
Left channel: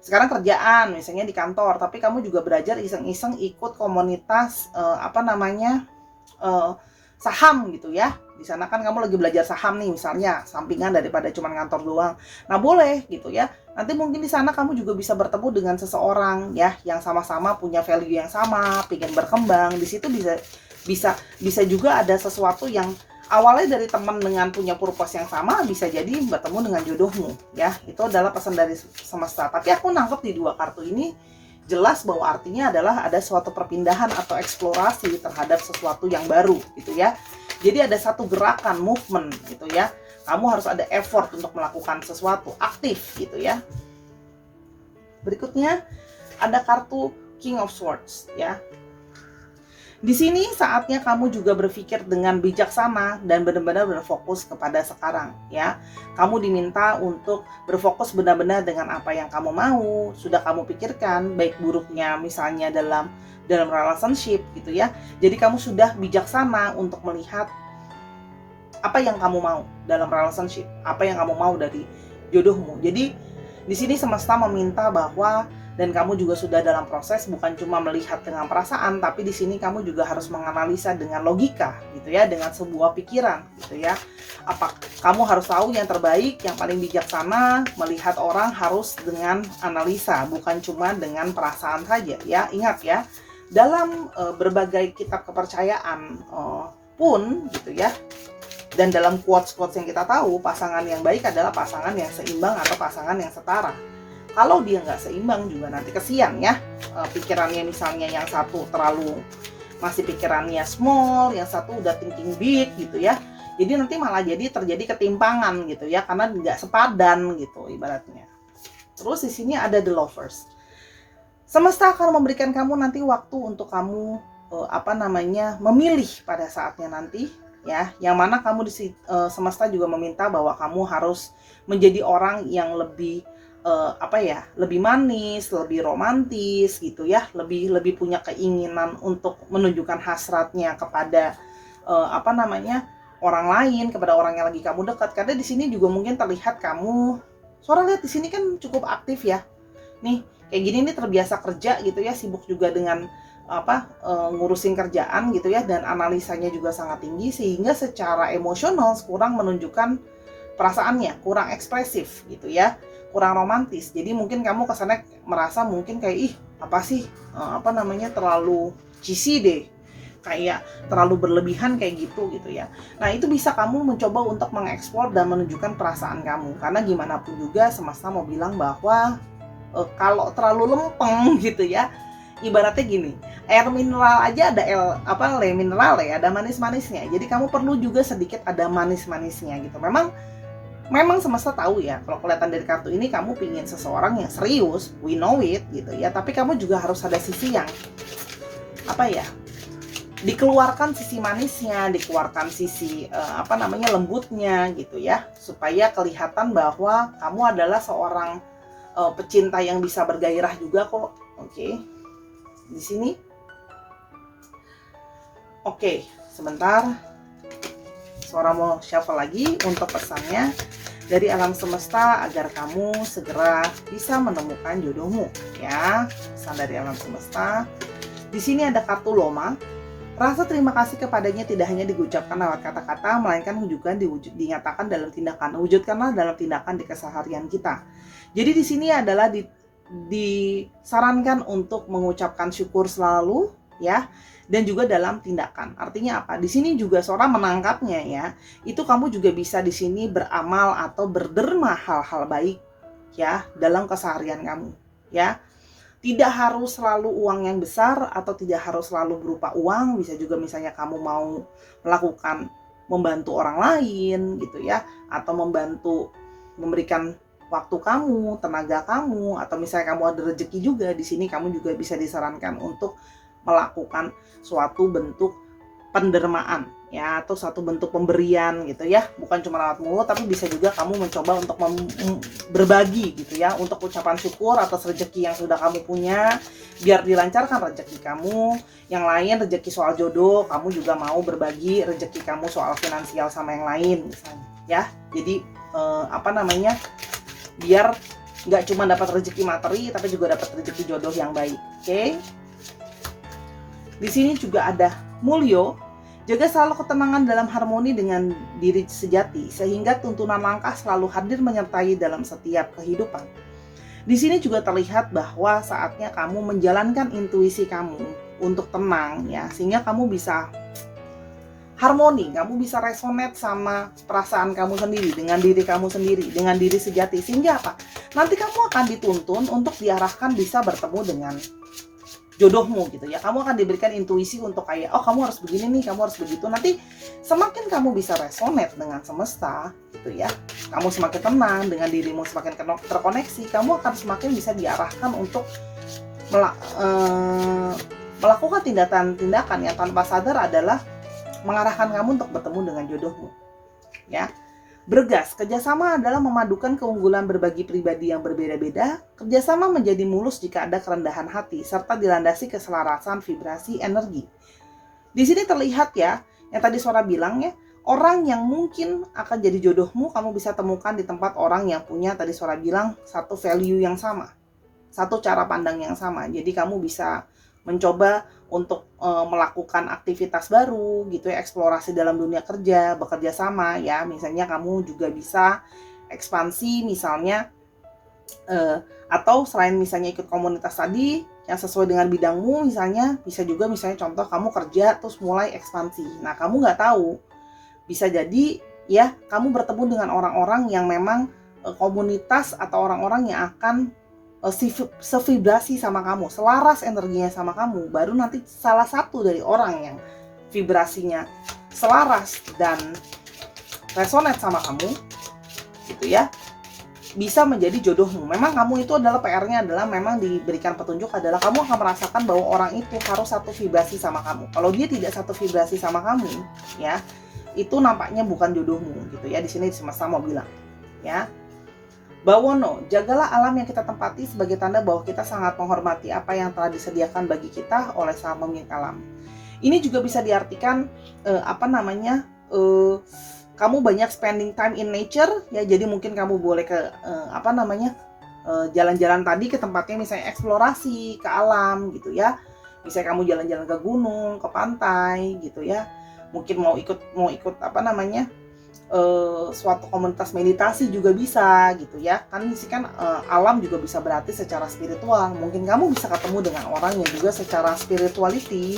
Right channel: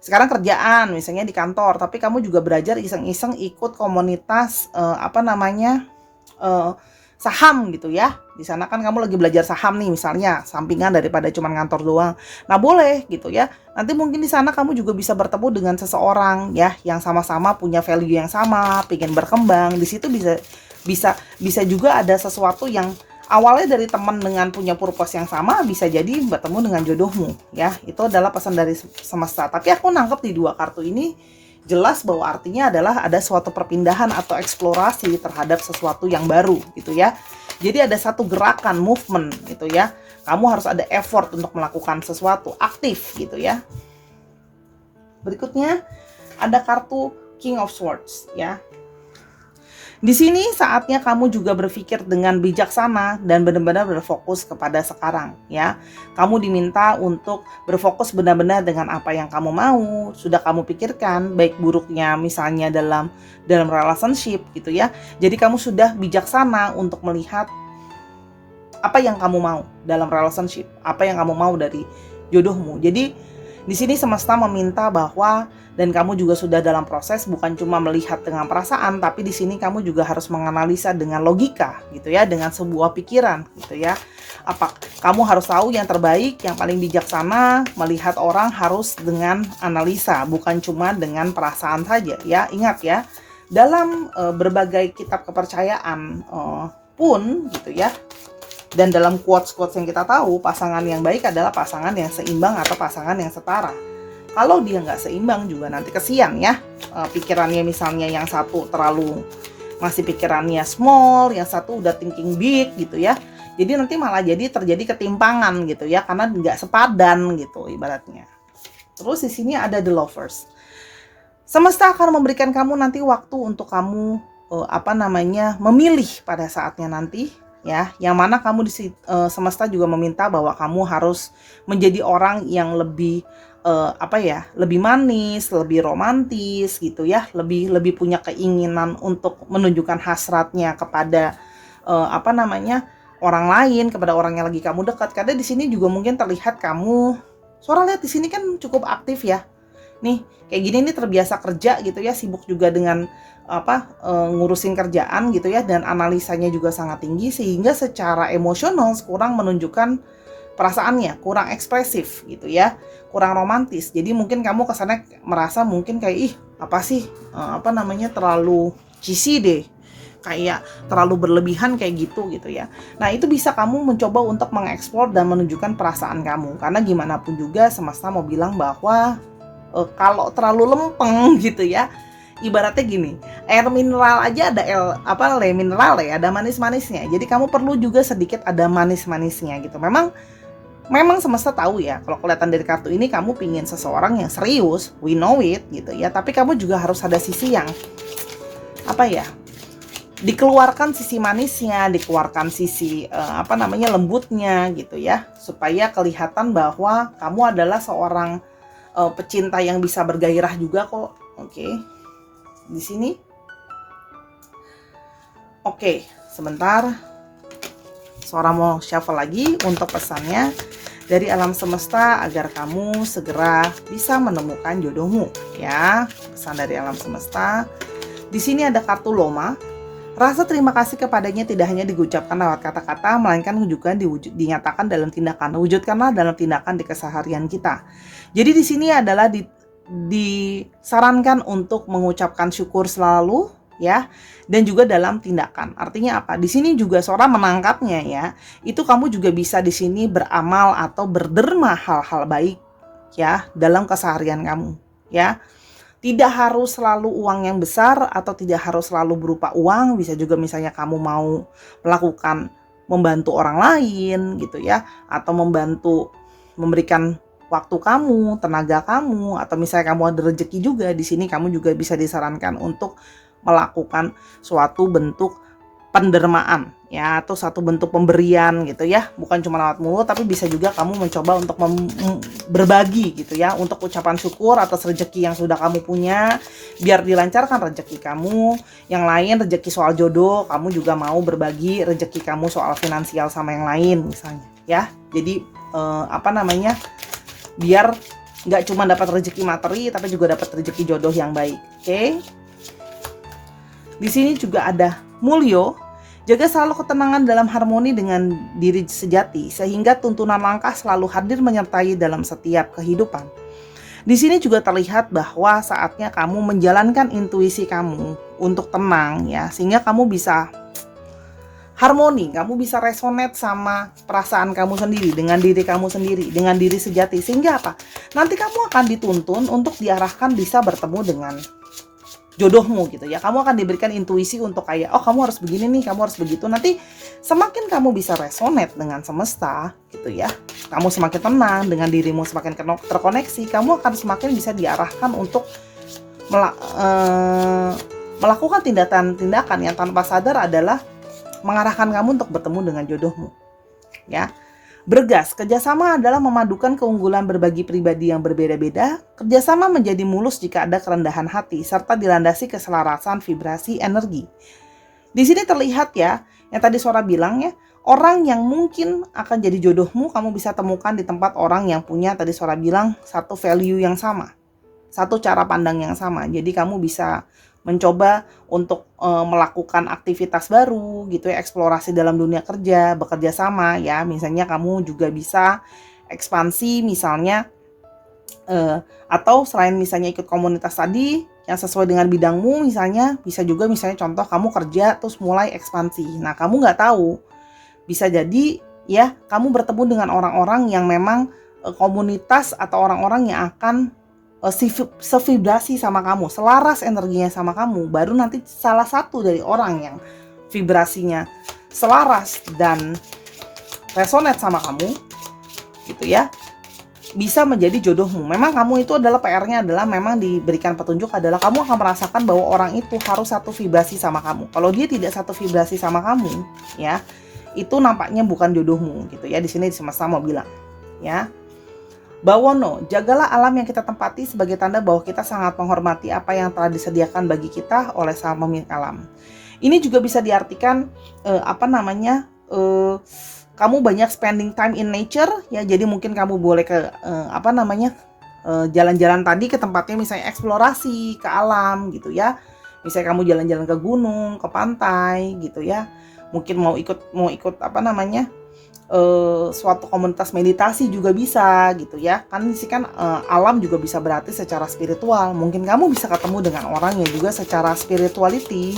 sekarang kerjaan misalnya di kantor, tapi kamu juga belajar iseng-iseng ikut komunitas saham gitu ya. Di sana kan kamu lagi belajar saham nih misalnya, sampingan daripada cuma ngantor doang. Nah, boleh gitu ya. Nanti mungkin di sana kamu juga bisa bertemu dengan seseorang ya yang sama-sama punya value yang sama, pengen berkembang. Di situ bisa juga ada sesuatu yang awalnya dari teman dengan punya purpose yang sama, bisa jadi bertemu dengan jodohmu ya. Itu adalah pesan dari semesta. Tapi aku nangkep di dua kartu ini jelas bahwa artinya adalah ada suatu perpindahan atau eksplorasi terhadap sesuatu yang baru gitu ya. Jadi ada satu gerakan, movement gitu ya. Kamu harus ada effort untuk melakukan sesuatu, aktif gitu ya. Berikutnya ada kartu King of Swords ya. Di sini saatnya kamu juga berpikir dengan bijaksana dan benar-benar berfokus kepada sekarang ya. Kamu diminta untuk berfokus benar-benar dengan apa yang kamu mau, sudah kamu pikirkan baik buruknya misalnya dalam relationship gitu ya. Jadi kamu sudah bijaksana untuk melihat apa yang kamu mau dalam relationship, apa yang kamu mau dari jodohmu. Jadi di sini semesta meminta bahwa dan kamu juga sudah dalam proses bukan cuma melihat dengan perasaan, tapi di sini kamu juga harus menganalisa dengan logika gitu ya, dengan sebuah pikiran gitu ya. Apa kamu harus tahu yang terbaik, yang paling bijaksana, melihat orang harus dengan analisa, bukan cuma dengan perasaan saja ya. Ingat ya, dalam berbagai kitab kepercayaan pun gitu ya. Dan dalam quotes-quotes yang kita tahu, pasangan yang baik adalah pasangan yang seimbang atau pasangan yang setara. Kalau dia nggak seimbang juga nanti kesian ya. Pikirannya misalnya yang satu terlalu masih pikirannya small, yang satu udah thinking big gitu ya. Jadi nanti malah jadi terjadi ketimpangan gitu ya, karena nggak sepadan gitu ibaratnya. Terus di sini ada the lovers. Semesta akan memberikan kamu nanti waktu untuk kamu memilih pada saatnya nanti ya, yang mana kamu semesta juga meminta bahwa kamu harus menjadi orang yang lebih lebih manis, lebih romantis gitu ya, lebih punya keinginan untuk menunjukkan hasratnya kepada orang lain, kepada orang yang lagi kamu dekat. Karena di sini juga mungkin terlihat kamu, suara lihat di sini kan cukup aktif ya. Nih, kayak gini nih terbiasa kerja gitu ya, sibuk juga dengan ngurusin kerjaan gitu ya, dan analisanya juga sangat tinggi sehingga secara emosional kurang menunjukkan perasaannya, kurang ekspresif gitu ya, kurang romantis. Jadi mungkin kamu kesannya merasa mungkin kayak terlalu cheesy deh, kayak terlalu berlebihan kayak gitu ya. Nah, itu bisa kamu mencoba untuk mengeksplor dan menunjukkan perasaan kamu, karena gimana pun juga semesta mau bilang bahwa kalau terlalu lempeng gitu ya, ibaratnya gini, air mineral aja ada le mineral ya, ada manis-manisnya. Jadi kamu perlu juga sedikit ada manis-manisnya gitu. Memang semesta tahu ya, kalau kelihatan dari kartu ini kamu pingin seseorang yang serius, we know it gitu ya. Tapi kamu juga harus ada sisi yang dikeluarkan sisi manisnya, dikeluarkan sisi lembutnya gitu ya, supaya kelihatan bahwa kamu adalah seorang pecinta yang bisa bergairah juga kok. Oke. Di sini. Oke, sebentar. Suara mau shuffle lagi untuk pesannya dari alam semesta agar kamu segera bisa menemukan jodohmu ya. Pesan dari alam semesta. Di sini ada kartu Loma. Rasa terima kasih kepadanya tidak hanya diucapkan lewat kata-kata, melainkan juga dinyatakan dalam tindakan. Wujudkanlah dalam tindakan di keseharian kita. Jadi di sini adalah disarankan untuk mengucapkan syukur selalu, ya, dan juga dalam tindakan. Artinya apa? Di sini juga seorang menangkapnya, ya. Itu kamu juga bisa di sini beramal atau berderma hal-hal baik, ya, dalam keseharian kamu, ya. Tidak harus selalu uang yang besar atau tidak harus selalu berupa uang, bisa juga misalnya kamu mau melakukan membantu orang lain gitu ya, atau membantu memberikan waktu kamu, tenaga kamu, atau misalnya kamu ada rezeki juga di sini, kamu juga bisa disarankan untuk melakukan suatu bentuk pendermaan ya, atau satu bentuk pemberian gitu ya, bukan cuma lewat mulut, tapi bisa juga kamu mencoba untuk berbagi gitu ya, untuk ucapan syukur atas rezeki yang sudah kamu punya, biar dilancarkan rezeki kamu. Yang lain rezeki soal jodoh, kamu juga mau berbagi rezeki kamu soal finansial sama yang lain misalnya ya. Jadi biar nggak cuma dapat rezeki materi, tapi juga dapat rezeki jodoh yang baik. Oke. Di sini juga ada Mulyo. Jaga selalu ketenangan dalam harmoni dengan diri sejati, sehingga tuntunan langkah selalu hadir menyertai dalam setiap kehidupan. Di sini juga terlihat bahwa saatnya kamu menjalankan intuisi kamu untuk tenang ya, sehingga kamu bisa harmoni, kamu bisa resonate sama perasaan kamu sendiri, dengan diri kamu sendiri, dengan diri sejati. Sehingga apa? Nanti kamu akan dituntun untuk diarahkan bisa bertemu dengan jodohmu gitu ya. Kamu akan diberikan intuisi untuk kayak, oh kamu harus begini nih, kamu harus begitu. Nanti semakin kamu bisa resonate dengan semesta gitu ya, kamu semakin tenang, dengan dirimu semakin terkoneksi, kamu akan semakin bisa diarahkan untuk melakukan tindakan-tindakan yang tanpa sadar adalah mengarahkan kamu untuk bertemu dengan jodohmu ya. Bergas, kerjasama adalah memadukan keunggulan berbagi pribadi yang berbeda-beda. Kerjasama menjadi mulus jika ada kerendahan hati, serta dilandasi keselarasan vibrasi energi. Di sini terlihat ya, yang tadi Sora bilang ya, orang yang mungkin akan jadi jodohmu, kamu bisa temukan di tempat orang yang punya, tadi Sora bilang, satu value yang sama, satu cara pandang yang sama. Jadi kamu bisa mencoba untuk melakukan aktivitas baru gitu ya, eksplorasi dalam dunia kerja, bekerja sama ya. Misalnya kamu juga bisa ekspansi misalnya atau selain misalnya ikut komunitas tadi yang sesuai dengan bidangmu, misalnya bisa juga misalnya contoh kamu kerja terus mulai ekspansi. Nah, kamu nggak tahu, bisa jadi ya kamu bertemu dengan orang-orang yang memang komunitas atau orang-orang yang akan sevibrasi sama kamu, selaras energinya sama kamu. Baru nanti salah satu dari orang yang vibrasinya selaras dan resonate sama kamu gitu ya, bisa menjadi jodohmu. Memang kamu itu adalah PR-nya adalah memang diberikan petunjuk adalah kamu akan merasakan bahwa orang itu harus satu vibrasi sama kamu. Kalau dia tidak satu vibrasi sama kamu ya, itu nampaknya bukan jodohmu gitu ya. Di sini semesta mau bilang ya. Bawono, jagalah alam yang kita tempati sebagai tanda bahwa kita sangat menghormati apa yang telah disediakan bagi kita oleh sang pemilik alam. Ini juga bisa diartikan kamu banyak spending time in nature ya. Jadi mungkin kamu boleh ke jalan-jalan tadi ke tempatnya, misalnya eksplorasi ke alam gitu ya. Misalnya kamu jalan-jalan ke gunung, ke pantai gitu ya. Mungkin mau ikut suatu komunitas meditasi juga bisa gitu ya. Kan sih kan alam juga bisa berarti secara spiritual. Mungkin kamu bisa ketemu dengan orang yang juga secara spirituality,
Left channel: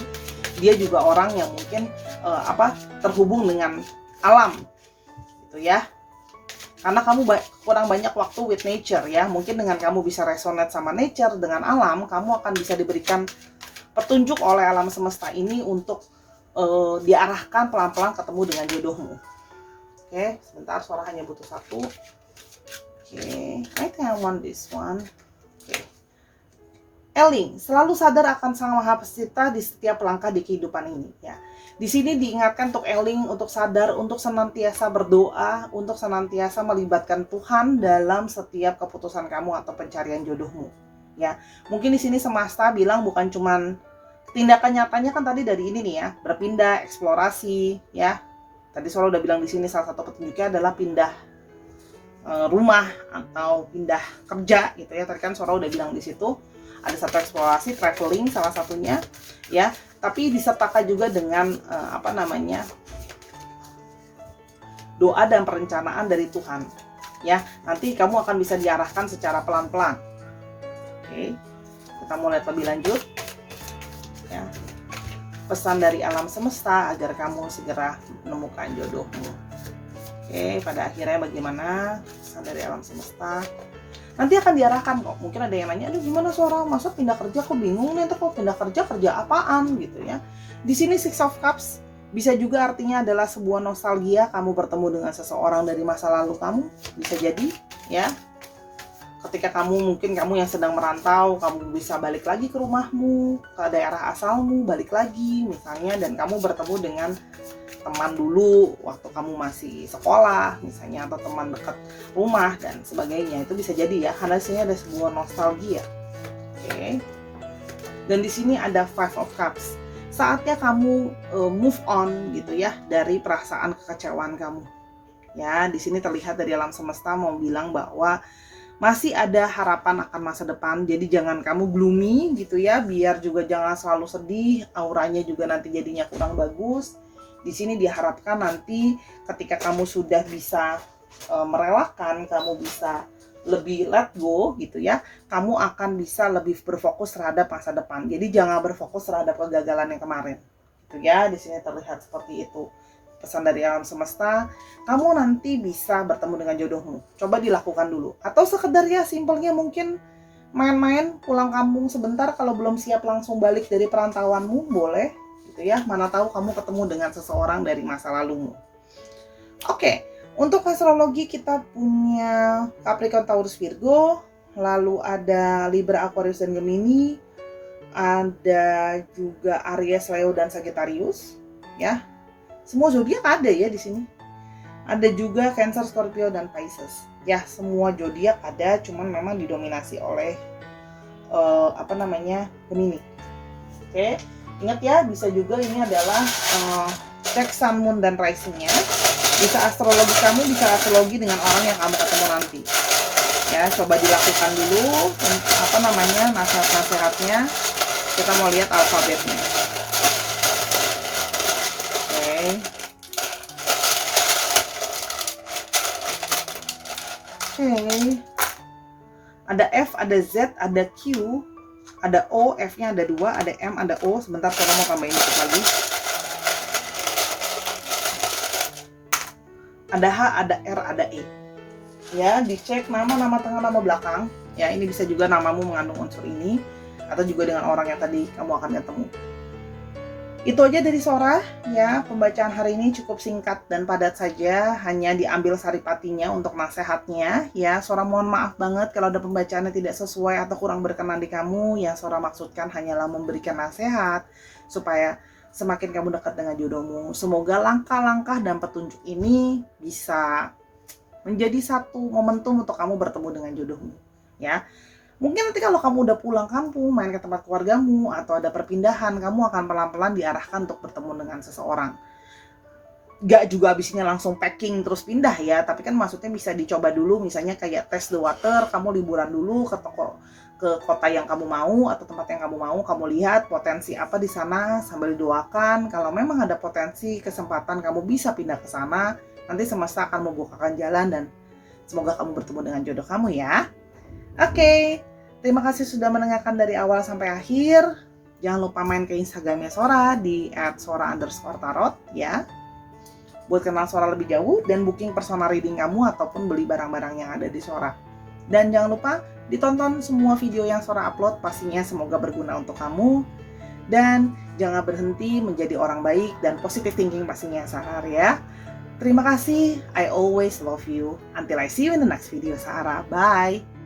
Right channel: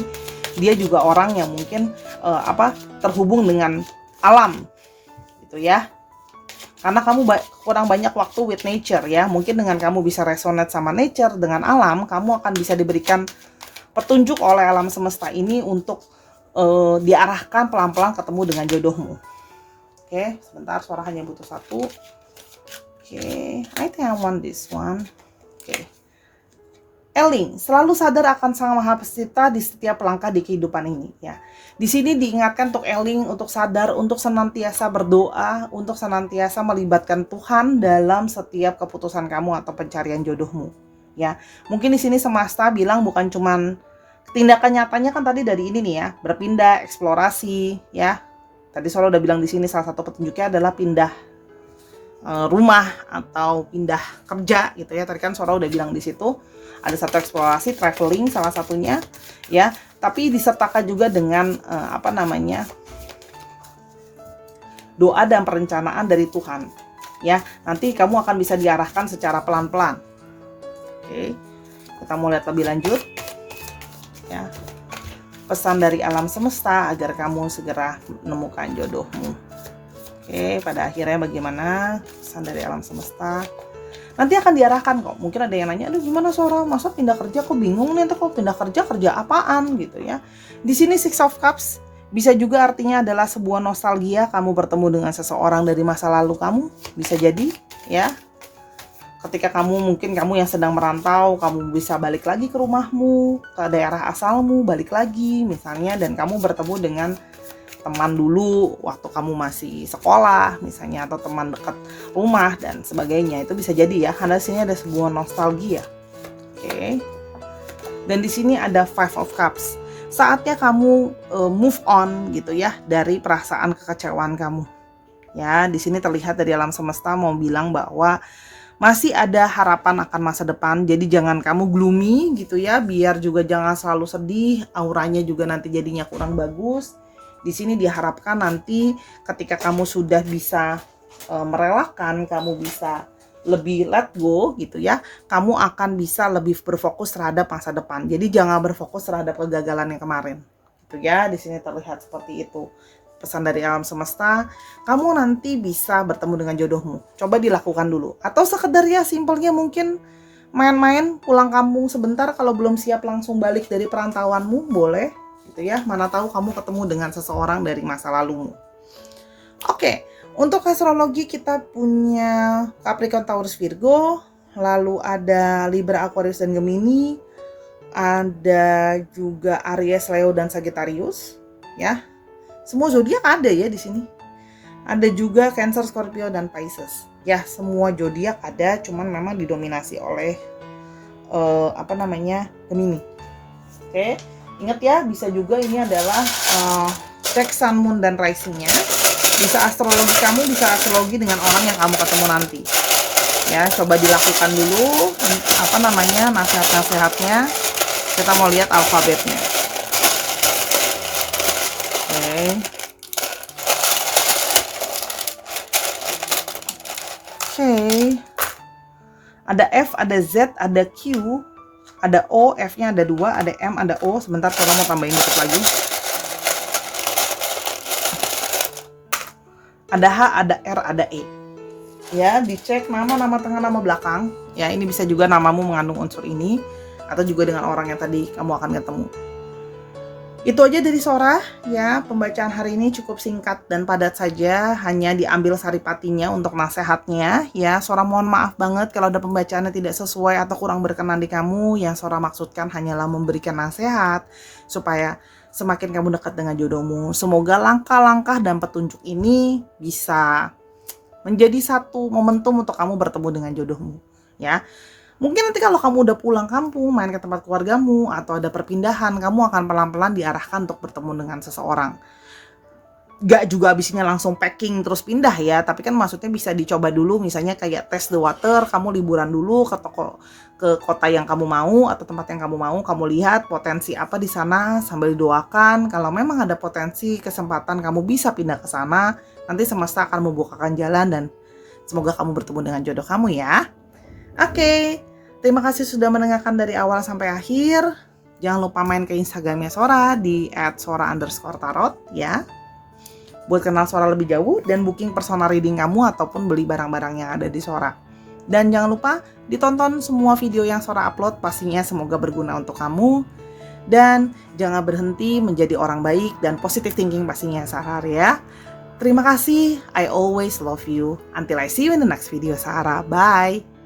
dia juga orang yang mungkin terhubung dengan alam gitu ya. Karena kamu kurang banyak waktu with nature ya. Mungkin dengan kamu bisa resonate sama nature, dengan alam, kamu akan bisa diberikan petunjuk oleh alam semesta ini untuk diarahkan pelan-pelan ketemu dengan jodohmu. Oke, sebentar, suara hanya butuh satu. Oke, I think I want this one. Oke. Eling, selalu sadar akan Sang Maha Pencipta di setiap langkah di kehidupan ini ya. Di sini diingatkan untuk Eling, untuk sadar, untuk senantiasa berdoa, untuk senantiasa melibatkan Tuhan dalam setiap keputusan kamu atau pencarian jodohmu ya. Mungkin di sini semesta bilang bukan cuman tindakan nyatanya kan tadi dari ini nih ya, berpindah, eksplorasi ya. Tadi Sora udah bilang di sini salah satu petunjuknya adalah pindah rumah atau pindah kerja gitu ya. Tadi kan Sora udah bilang di situ Ada satu eksplorasi, traveling salah satunya ya, tapi disertakan juga dengan doa dan perencanaan dari Tuhan ya. Nanti kamu akan bisa diarahkan secara pelan-pelan. Oke, kita mau lihat lebih lanjut ya. Pesan dari alam semesta agar kamu segera menemukan jodohmu. Oke, pada akhirnya bagaimana pesan dari alam semesta? Nanti akan diarahkan kok. Mungkin ada yang nanya, aduh gimana Sora, masa pindah kerja, kok bingung nih, kok pindah kerja apaan gitu ya. Di sini Six of Cups bisa juga artinya adalah sebuah nostalgia, kamu bertemu dengan seseorang dari masa lalu kamu, bisa jadi ya. Ketika kamu yang sedang merantau, kamu bisa balik lagi ke rumahmu, ke daerah asalmu, balik lagi misalnya, dan kamu bertemu dengan teman dulu waktu kamu masih sekolah misalnya, atau teman dekat rumah dan sebagainya. Itu bisa jadi ya, karena di sini ada sebuah nostalgia. Oke. Dan di sini ada Five of Cups. Saatnya kamu move on gitu ya dari perasaan kekecewaan kamu. Ya, di sini terlihat dari alam semesta mau bilang bahwa masih ada harapan akan masa depan. Jadi jangan kamu gloomy gitu ya, biar juga jangan selalu sedih, auranya juga nanti jadinya kurang bagus. Di sini diharapkan nanti ketika kamu sudah bisa merelakan, kamu bisa lebih let go gitu ya, kamu akan bisa lebih berfokus terhadap masa depan. Jadi jangan berfokus terhadap kegagalan yang kemarin. Gitu ya, di sini terlihat seperti itu. Pesan dari alam semesta, kamu nanti bisa bertemu dengan jodohmu. Coba dilakukan dulu. Atau sekedar ya simpelnya mungkin main-main, pulang kampung sebentar, kalau belum siap langsung balik dari perantauanmu, boleh gitu ya. Mana tahu kamu ketemu dengan seseorang dari masa lalumu. Oke, untuk astrologi kita punya Capricorn, Taurus, Virgo, lalu ada Libra, Aquarius, dan Gemini, ada juga Aries, Leo, dan Sagittarius ya. Semua zodiak ada ya di sini. Ada juga Cancer, Scorpio, dan Pisces. Ya, semua zodiak ada, cuman memang didominasi oleh Gemini. Oke, ingat ya, bisa juga ini adalah cek Sun, Moon, dan Rising-nya. Bisa astrologi kamu, bisa astrologi dengan orang yang kamu ketemu nanti. Ya, coba dilakukan dulu nasihat-nasihatnya. Kita mau lihat alfabetnya. Oke. Ada F, ada Z, ada Q, ada O, F-nya ada 2, ada M, ada O. Sebentar, saya mau tambahin dikit lagi. Ada H, ada R, ada E. Ya, dicek nama tengah, nama belakang. Ya, ini bisa juga namamu mengandung unsur ini, atau juga dengan orang yang tadi kamu akan ketemu. Itu aja dari Sora ya, pembacaan hari ini cukup singkat dan padat saja, hanya diambil saripatinya untuk nasihatnya ya. Sora mohon maaf banget kalau ada pembacaannya tidak sesuai atau kurang berkenan di kamu. Yang Sora maksudkan hanyalah memberikan nasihat supaya semakin kamu dekat dengan jodohmu. Semoga langkah-langkah dan petunjuk ini bisa menjadi satu momentum untuk kamu bertemu dengan jodohmu ya. Mungkin nanti kalau kamu udah pulang kampung, main ke tempat keluargamu, atau ada perpindahan, kamu akan pelan-pelan diarahkan untuk bertemu dengan seseorang. Gak juga abisnya langsung packing terus pindah ya, tapi kan maksudnya bisa dicoba dulu, misalnya kayak test the water, kamu liburan dulu ke kota yang kamu mau atau tempat yang kamu mau, kamu lihat potensi apa di sana sambil doakan. Kalau memang ada potensi kesempatan kamu bisa pindah ke sana, nanti semesta akan membukakan jalan dan semoga kamu bertemu dengan jodoh kamu ya. Oke, terima kasih sudah mendengarkan dari awal sampai akhir. Jangan lupa main ke Instagramnya Sora di @sora_tarot ya. Buat kenal Sora lebih jauh dan booking personal reading kamu ataupun beli barang-barang yang ada di Sora. Dan jangan lupa ditonton semua video yang Sora upload, pastinya semoga berguna untuk kamu. Dan jangan berhenti menjadi orang baik dan positive thinking pastinya sehari ya. Terima kasih, I always love you. Until I see you in the next video Sara. Bye.